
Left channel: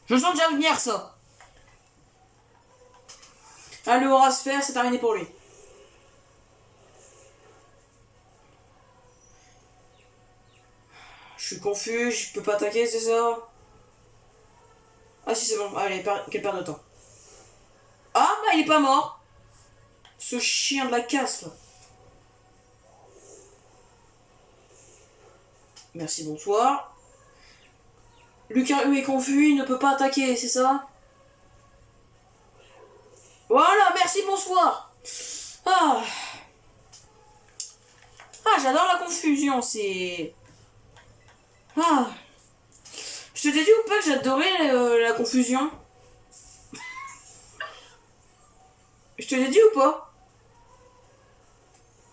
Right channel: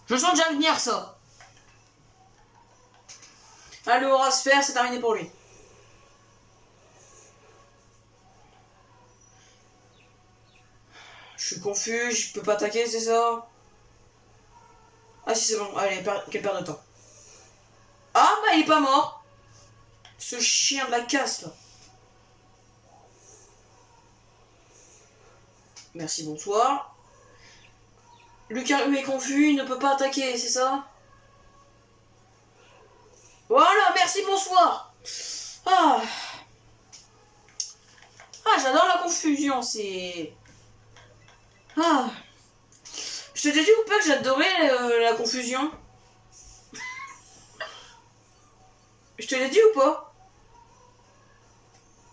Je le sens déjà venir, ça. Allez, Horace, c'est terminé pour lui. Je suis confus, je peux pas attaquer, c'est ça? Ah si, c'est bon. Allez, quelle perte de temps. Ah, bah il est pas mort. Ce chien de la casse, là. Merci, bonsoir. Lucario est confus, il ne peut pas attaquer, c'est ça? Voilà, merci, bonsoir. Ah, j'adore la confusion, c'est... Ah. Je t'ai dit ou pas que j'adorais la confusion? Je te l'ai dit ou pas?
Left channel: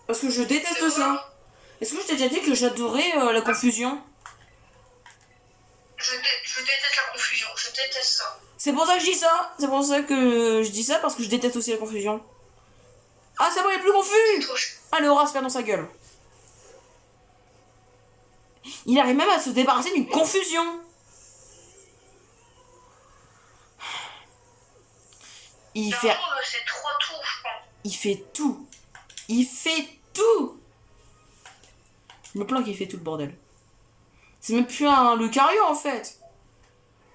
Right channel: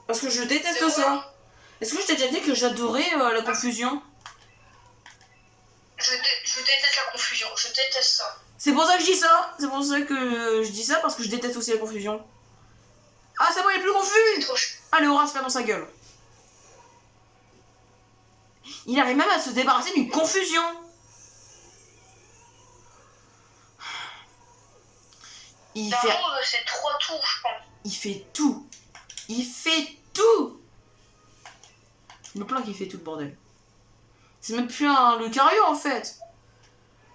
Parce que je déteste ça. Est-ce que je t'ai déjà dit que j'adorais la confusion? Je déteste la confusion, je déteste ça. C'est pour ça que je dis ça. C'est pour ça que je dis ça, parce que je déteste aussi la confusion. Ah, c'est bon, il est plus confus. Allez, Horace, perd dans sa gueule. Il arrive même à se débarrasser d'une confusion. Il fait... c'est 3 tours, je pense. Il fait tout. Il fait tout. Je me plains qu'il fait tout le bordel. C'est même plus un Lucario en fait.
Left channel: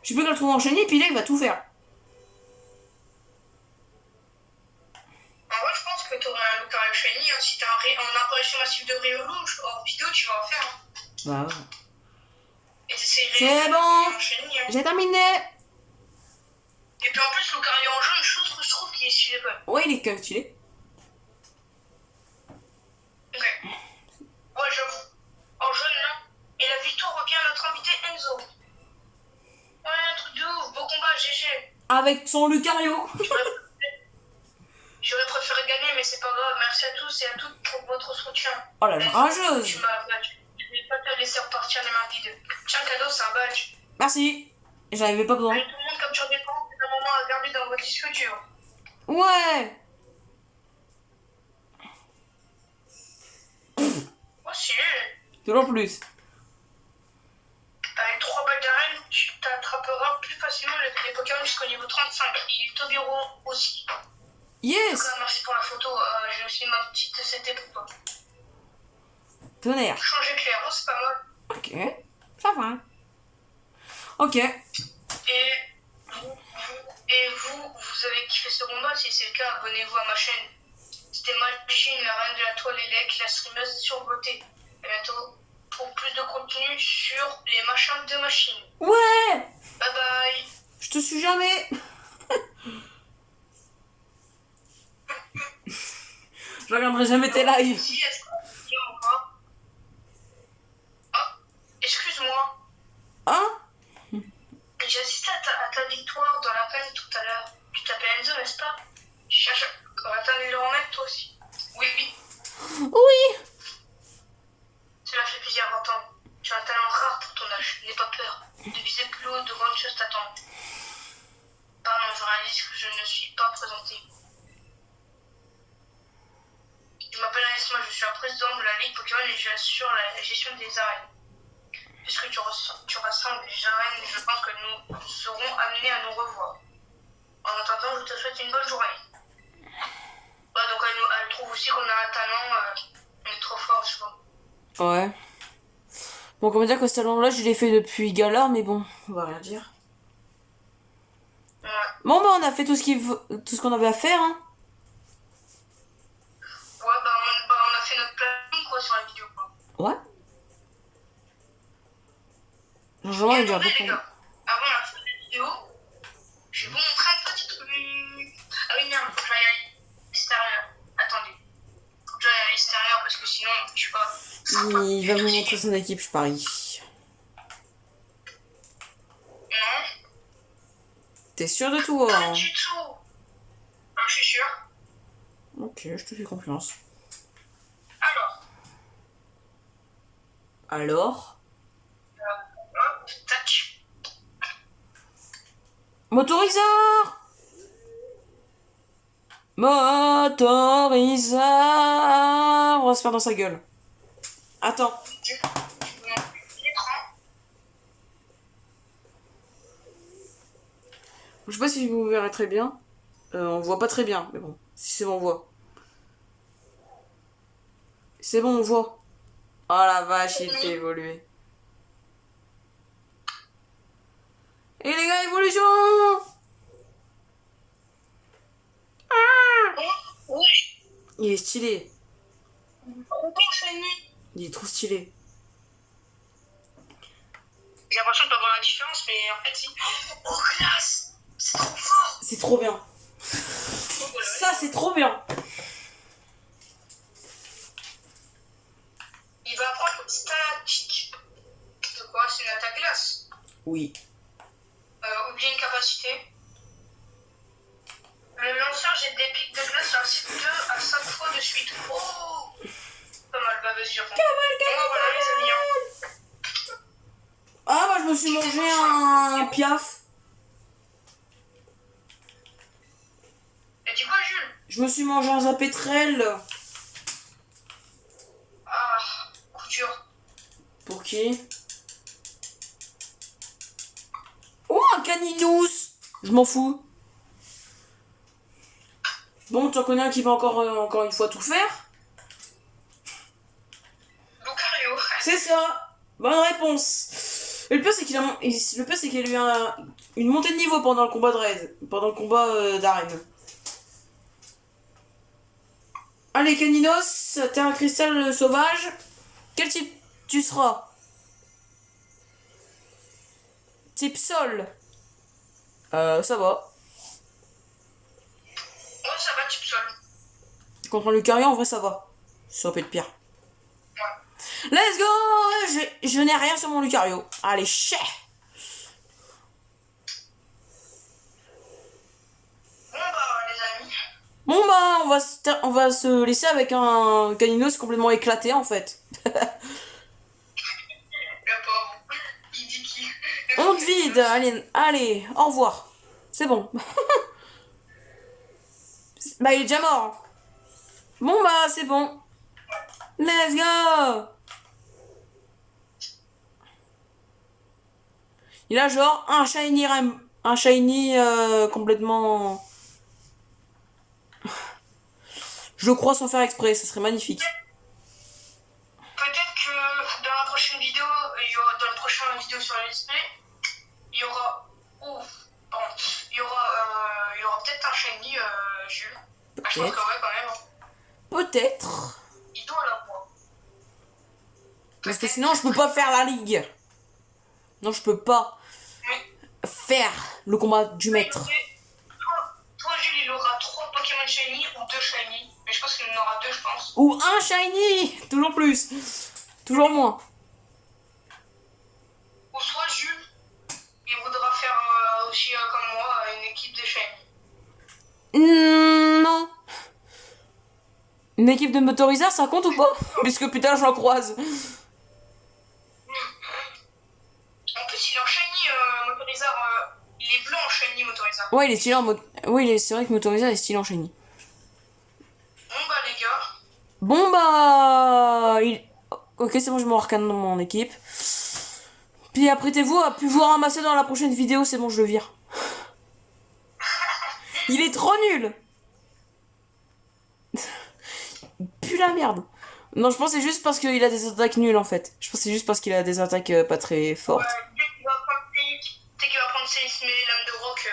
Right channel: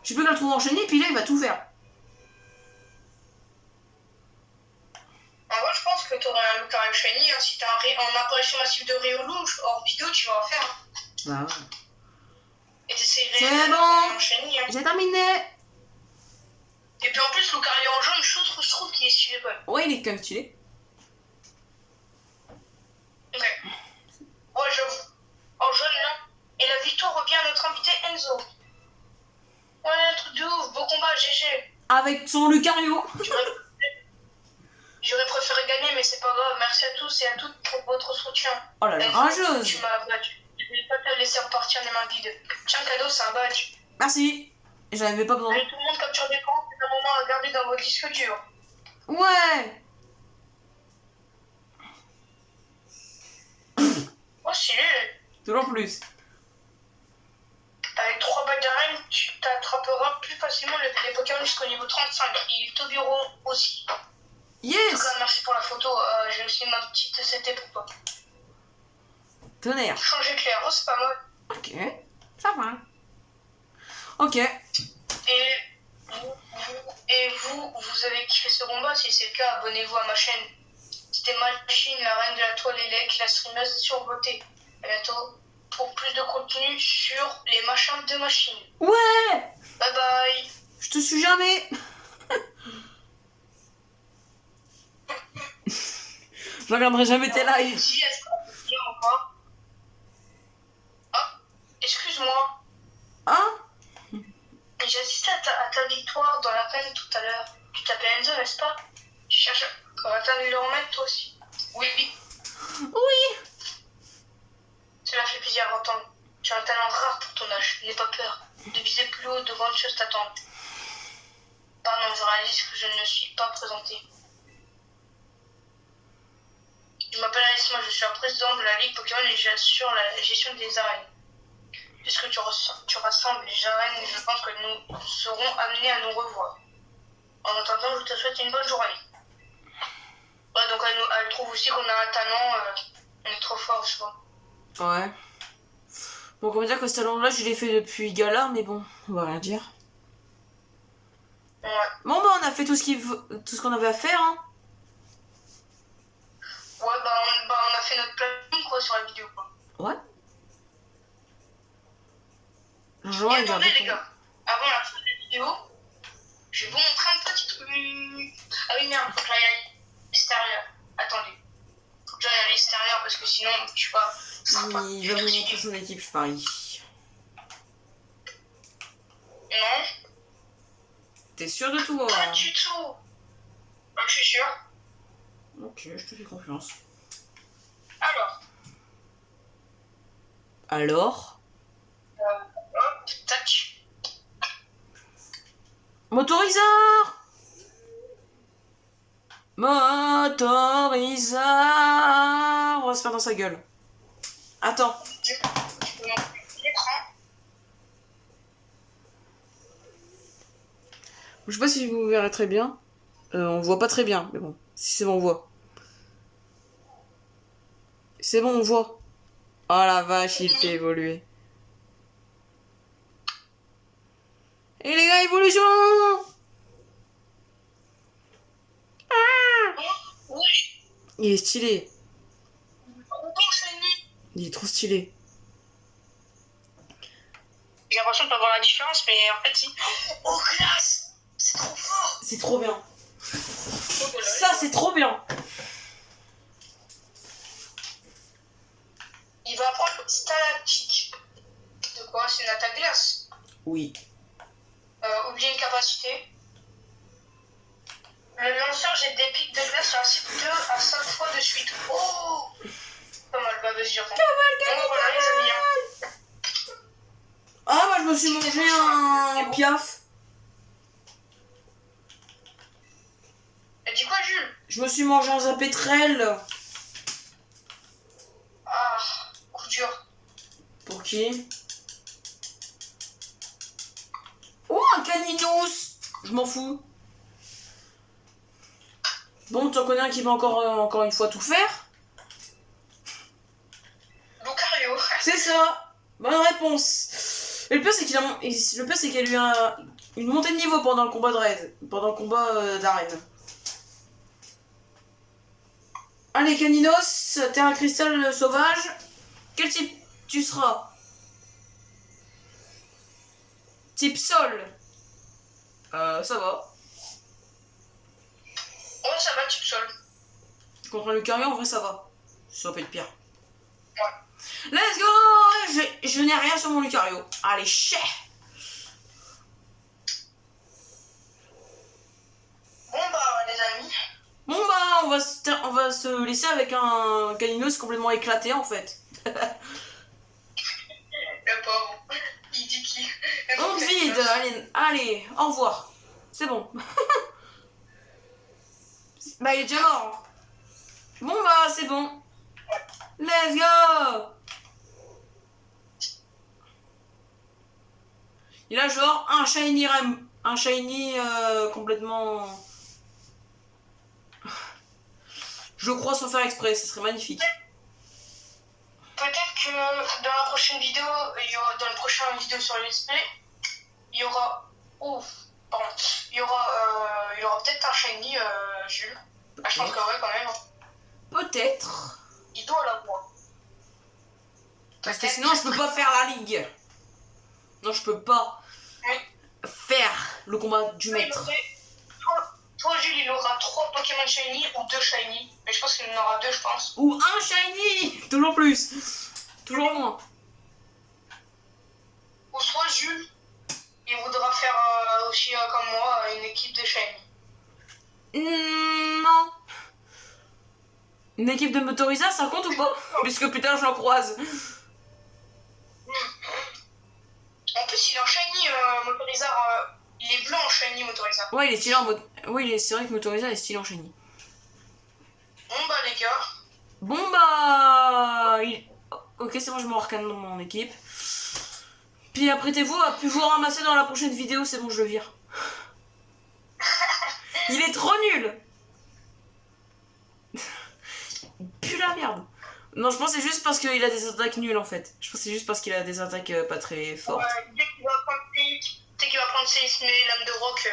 Je peux le trouver enchaîné, puis là il va tout faire. Lucario Shiny, hein. Si t'as un apparition massive de Riolu, hors vidéo, tu vas en faire. Hein. Bah ouais. Et t'essaierais C'est de bon. un Shiny. Hein. J'ai terminé. Et puis en plus, Lucario en jaune, je trouve qu'il est stylé quand même. Ouais, il est quand même stylé. Ok. Ouais, j'avoue. En jaune, là. Et la victoire revient à notre invité Enzo. Ouais, truc de ouf. Beau combat, GG. Avec son Lucario. J'aurais préféré gagner, mais c'est pas grave. Merci à tous et à toutes pour votre soutien. Oh la rageuse. Tu m'as battu. Je vais pas te laisser repartir les mains vides. Tiens, cadeau, c'est un badge. Merci. J'en avais pas besoin. Allez, tout le monde capture d'écran. C'est un moment à garder dans vos disques durs. Ouais. Oh, stylé. Toujours plus. Avec 3 balles d'arène, tu t'attraperas plus facilement les Pokémon jusqu'au niveau 35. Il est Tobiro aussi. En tout Yes. cas, merci pour la photo. J'ai aussi ma petite CT pour toi. Tonnerre. Changer clair, oh, c'est pas mal. Ok. Ça va. Ok. Vous avez kiffé ce combat? Si c'est le cas, abonnez-vous à ma chaîne. C'était Machine, la reine de la toile élect, la streameuse survotée. À bientôt pour plus de contenu sur les machins de machine. Ouais. Bye bye. Je te suis jamais. Je regarderai jamais tes lives. Si, est-ce qu'on peut encore? Ah, excuse-moi. Hein? J'ai assisté à ta victoire dans la peine tout à l'heure. Tu t'appelles Enzo, n'est-ce pas? Tu cherches à atteindre le remettre toi aussi. Oui, oui. Oui. Cela fait plaisir à entendre. Tu as un talent rare pour ton âge. N'aie pas peur. De viser plus haut, de grandes choses t'attendent. Pardon, je réalise que je ne me suis pas présenté. Je m'appelle Alice, moi je suis un président de la Ligue Pokémon et j'assure la gestion des arènes. Puisque tu rassembles les arènes, je pense que nous serons amenés à nous revoir. En attendant, je te souhaite une bonne journée. Ouais, donc elle trouve aussi qu'on a un talent, on est trop fort, je vois. Ouais. Bon, comment dire que ce talent-là, je l'ai fait depuis Galar, mais bon, on va rien dire. Ouais. Bon, bah, on a fait tout ce qu'on avait à faire, hein. Ouais, on a fait notre planning, quoi, sur la vidéo, quoi. Ouais. Genre, Et il vient attendez, les répondre. gars, avant la fin de la vidéo, je vais vous montrer un petit truc. Ah oui, merde, faut que j'aille à l'extérieur. Attendez. Faut que j'aille à l'extérieur parce que sinon, je sais pas. Il va vous montrer son équipe, je parie. Non, T'es sûr de tout, pas hein? du tout. Non, je suis sûr. Ok, je te fais confiance. Alors, Alors? hop, tac. Motoriseur! Motoriseur! On va se faire dans sa gueule. Attends. Tu peux montrer l'écran. Je sais pas si vous verrez très bien. On voit pas très bien, mais bon. Si c'est bon, on voit. C'est bon, on voit. Oh la vache, il fait évoluer. Et les gars, évolution! Oui, Il est stylé. trop bon, Shiny. Il est trop stylé. J'ai l'impression de pas voir la différence, mais en fait, si. Oh, classe! C'est trop fort! C'est trop bien. Oh, voilà. Ça, c'est trop bien. Il va prendre Stalactique. De quoi? C'est une attaque glace. Oui. Oubliez une capacité. Le lanceur jette des pics de glace sur la cible 2 à 5 fois de suite. Oh! Pas mal, bah vas-y, j'apprends. Bon, bah, voilà, les amis. Hein. Ah, bah, je me suis mangé un piaf. Elle dit quoi, Jules? Je me suis mangé un zapétrel. Ah, coup dur. Pour qui? Oh, un caninous. Je m'en fous. Bon, tu en connais un qui va encore une fois tout faire? Lucario. C'est ça. Bonne réponse. Et le pire, c'est qu'il a y a eu une montée de niveau pendant le combat de raid. Pendant le combat d'arène. Allez, Caninos, terre à cristal sauvage. Quel type tu seras? Type sol. Ça va. Oh, ça va, type sol. Contre un Lucario, en vrai, ça va. Ça peut être pire. Ouais. Let's go! Je n'ai rien sur mon Lucario. Allez, chais! Bon, bah, les amis. Bon, bah, on va se laisser avec un Caninos complètement éclaté, en fait. Le pauvre. Il dit qu'il... On te vide. Allez, au revoir. C'est bon. Bah, il est déjà mort. Bon, bah, c'est bon. Let's go! Il a genre un shiny complètement... Je crois sans faire exprès, ça serait magnifique. Peut-être que dans la prochaine vidéo, dans la prochaine vidéo sur le display, il y aura... Ouf, pardon. Il y aura peut-être un shiny, Jules. Ah, je pense que ouais, quand même. Peut-être. Il doit l'avoir. Parce que sinon, je peux pas faire la ligue. Non, je peux pas Oui. faire le combat du maître. Toi, Jules, il aura 3 Pokémon shiny ou 2 shiny. Mais je pense qu'il en aura 2, je pense. Ou un shiny. Toujours plus. Toujours moins. Ou soit Jules, il voudra faire aussi comme moi une équipe de shiny. Non. Une équipe de motoriseurs, ça compte ou pas? Puisque putain, j'en croise. En plus, il est en shiny motoriseur. Il est blanc en shiny motoriseur. Ouais, il est stylé en mode... Oui, c'est vrai que motoriseur est stylé en shiny. Bon bah les gars. Bon bah... Ok, c'est bon, je me recane dans mon équipe. Puis apprêtez-vous à plus vous ramasser dans la prochaine vidéo, c'est bon, je le vire. Il est trop nul. Pue la merde. Non, je pense que c'est juste parce qu'il a des attaques nulles en fait. Je pense que c'est juste parce qu'il a des attaques pas très fortes. Dès qu'il va prendre ses lames de roc.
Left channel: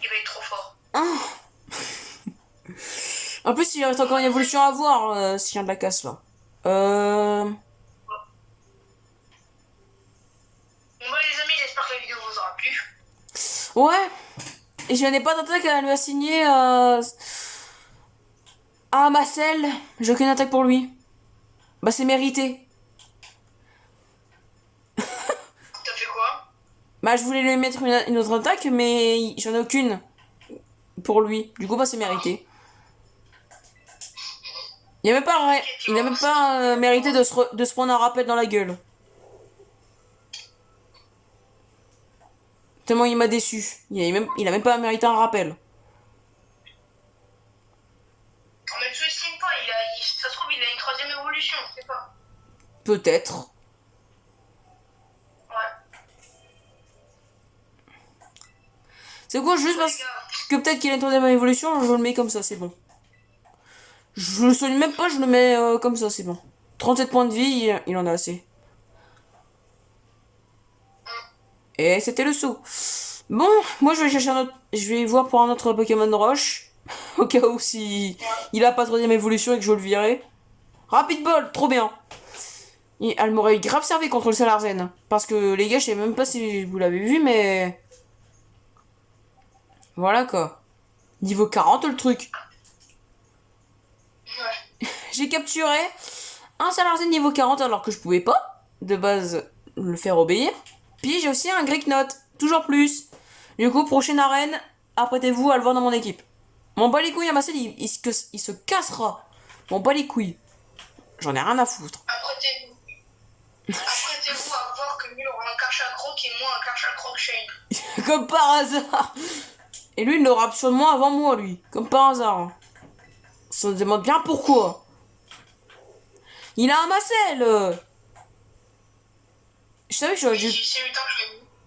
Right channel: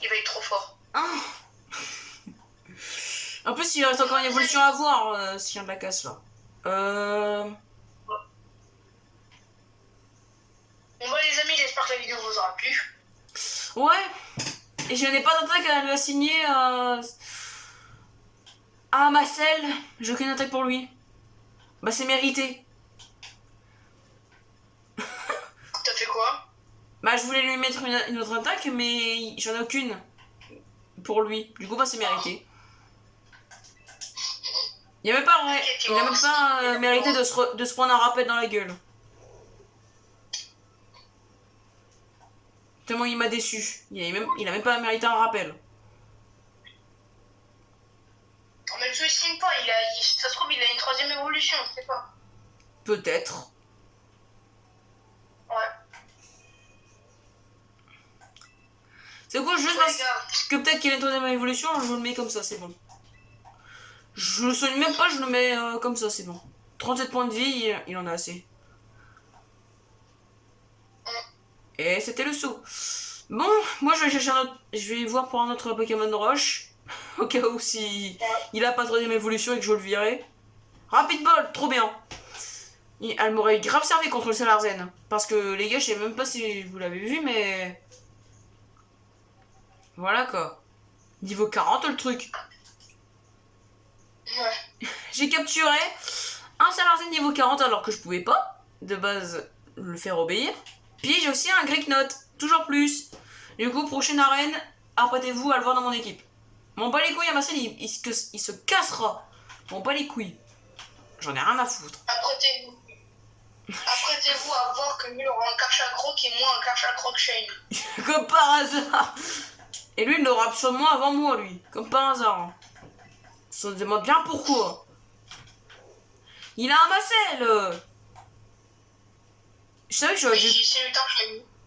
Il va être trop fort. En plus, il reste encore une évolution à voir, ce chien de la casse là. Bon bah les amis, j'espère que la vidéo vous aura plu. Ouais. Et je n'ai pas d'attaque à lui assigner à Marcel. J'ai aucune attaque pour lui. Bah c'est mérité. T'as fait quoi? Bah je voulais lui mettre une autre attaque, mais j'en ai aucune pour lui. Du coup bah c'est mérité. Il a même pas, mérité de se prendre un rappel dans la gueule. Tellement il m'a déçu. Il a même pas mérité un rappel. Mais tu estimes pas, ça se trouve il a une 3ème évolution, je sais pas. Peut-être. Ouais. C'est quoi, juste parce que peut-être qu'il a une 3ème évolution, je le mets comme ça, c'est bon. Je le soigne même pas, je le mets comme ça, c'est bon. 37 points de vie, il en a assez. Et c'était le saut. Bon, moi je vais chercher un autre. Je vais voir pour un autre Pokémon de roche. Au cas où si il a pas 3ème évolution et que je veux le virer. Rapid Ball, trop bien. Et elle m'aurait grave servi contre le Salarzen. Parce que les gars, je sais même pas si vous l'avez vu, mais. Voilà quoi. Niveau 40 le truc. Ouais. J'ai capturé un Salarzen niveau 40 alors que je pouvais pas, de base, le faire obéir. Puis j'ai aussi un Greeknot, toujours plus. Du coup, prochaine arène, apprêtez-vous à le voir dans mon équipe. Mon bas les couilles à Marcel, il se cassera. Mon bas les couilles. J'en ai rien à foutre. Apprêtez-vous à voir que lui aura un Karchakroc et moi un Karchakroc Shane. Comme par hasard. Et lui, il l'aura absolument avant moi, lui. Comme par hasard. Ça se demande bien pourquoi. Il a un Marcel. Je savais que j'aurais dû...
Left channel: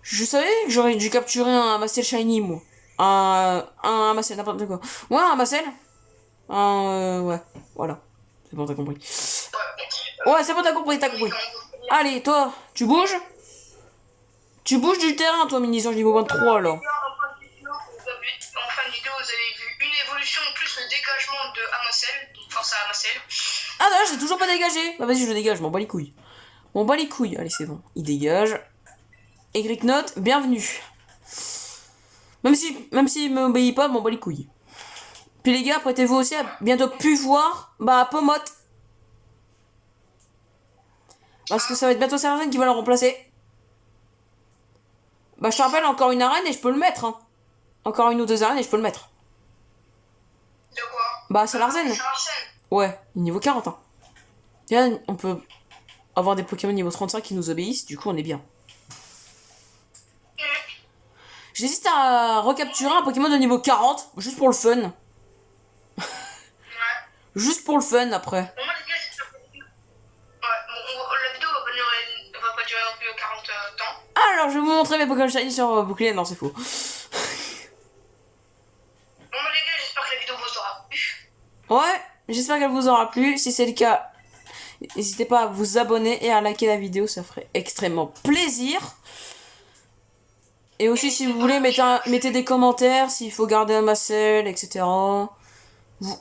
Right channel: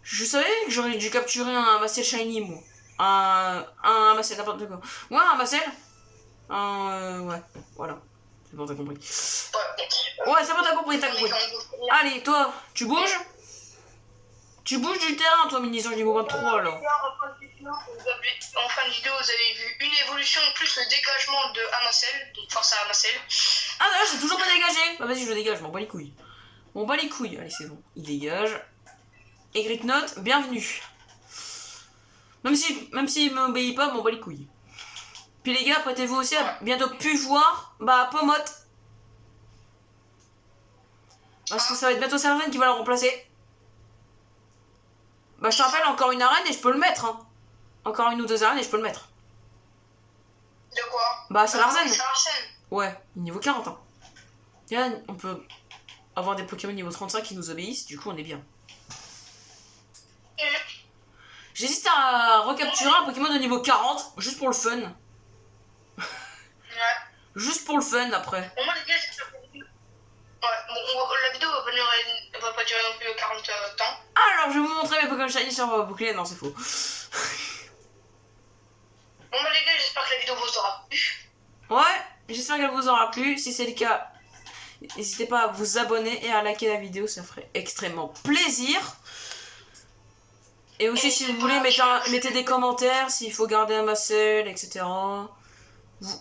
Je savais que j'aurais dû capturer un Marcel Shiny, moi. Un Marcel, n'importe quoi. Ouais, un Marcel. Ouais, voilà. C'est bon, t'as compris. Ouais, c'est bon, t'as compris. Allez, toi, tu bouges? Tu bouges du terrain, toi, Mini-Ange niveau 23, là. en fin de vidéo, vous avez vu une évolution plus le dégagement de Amacel, donc force à Amacel. Ah non, j'ai toujours pas dégagé. Bah vas-y, je le dégage, je m'en bats les couilles. M'en bats les couilles. Allez, c'est bon. Il dégage. Egric Note, bienvenue. Même s'il m'obéit pas, m'en bats les couilles. Puis les gars, prêtez-vous aussi à bientôt plus voir Pomote. Parce que ça va être bientôt Sarzen qui va la remplacer. Bah je te rappelle, encore une arène et je peux le mettre. Hein. Encore une ou deux arènes et je peux le mettre. De quoi? Bah Sarzen. Sarzen. Ouais, niveau 40. Hein. Là, on peut avoir des Pokémon niveau 35 qui nous obéissent, du coup on est bien. J'hésite à recapturer un Pokémon de niveau 40, juste pour le fun. Ouais. Juste pour le fun après. Bon, moi les gars, la vidéo va pas durer non plus 40 temps. Alors je vais vous montrer mes Pokémon Shiny sur bouclier. Non, c'est faux. Bon, bah les gars, j'espère que la vidéo vous aura plu. Ouais, j'espère qu'elle vous aura plu. Si c'est le cas, n'hésitez pas à vous abonner et à liker la vidéo, ça ferait extrêmement plaisir. Et aussi, si vous voulez, mettez des commentaires s'il faut garder un Amacel, etc. Ouais,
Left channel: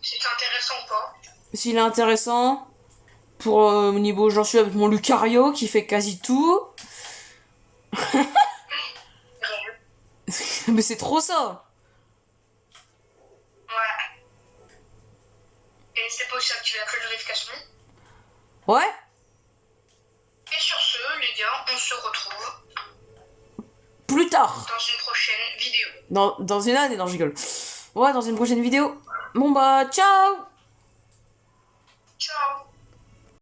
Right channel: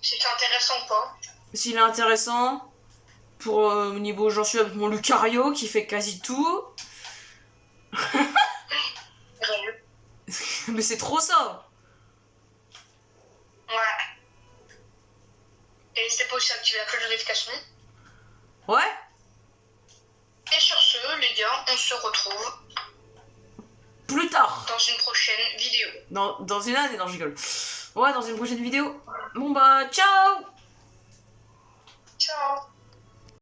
si c'est intéressant ou pas. S'il est intéressant, pour au niveau j'en suis avec mon Lucario qui fait quasi tout. Mais c'est trop ça. Ouais. Et n'hésitez pas aussi à activer la cloche de notification. Ouais. Et sur ce, les gars, on se retrouve Plus tard. dans une prochaine vidéo. Dans une année, non, je rigole. Ouais, dans une prochaine vidéo. Bon bah, ciao. Ciao.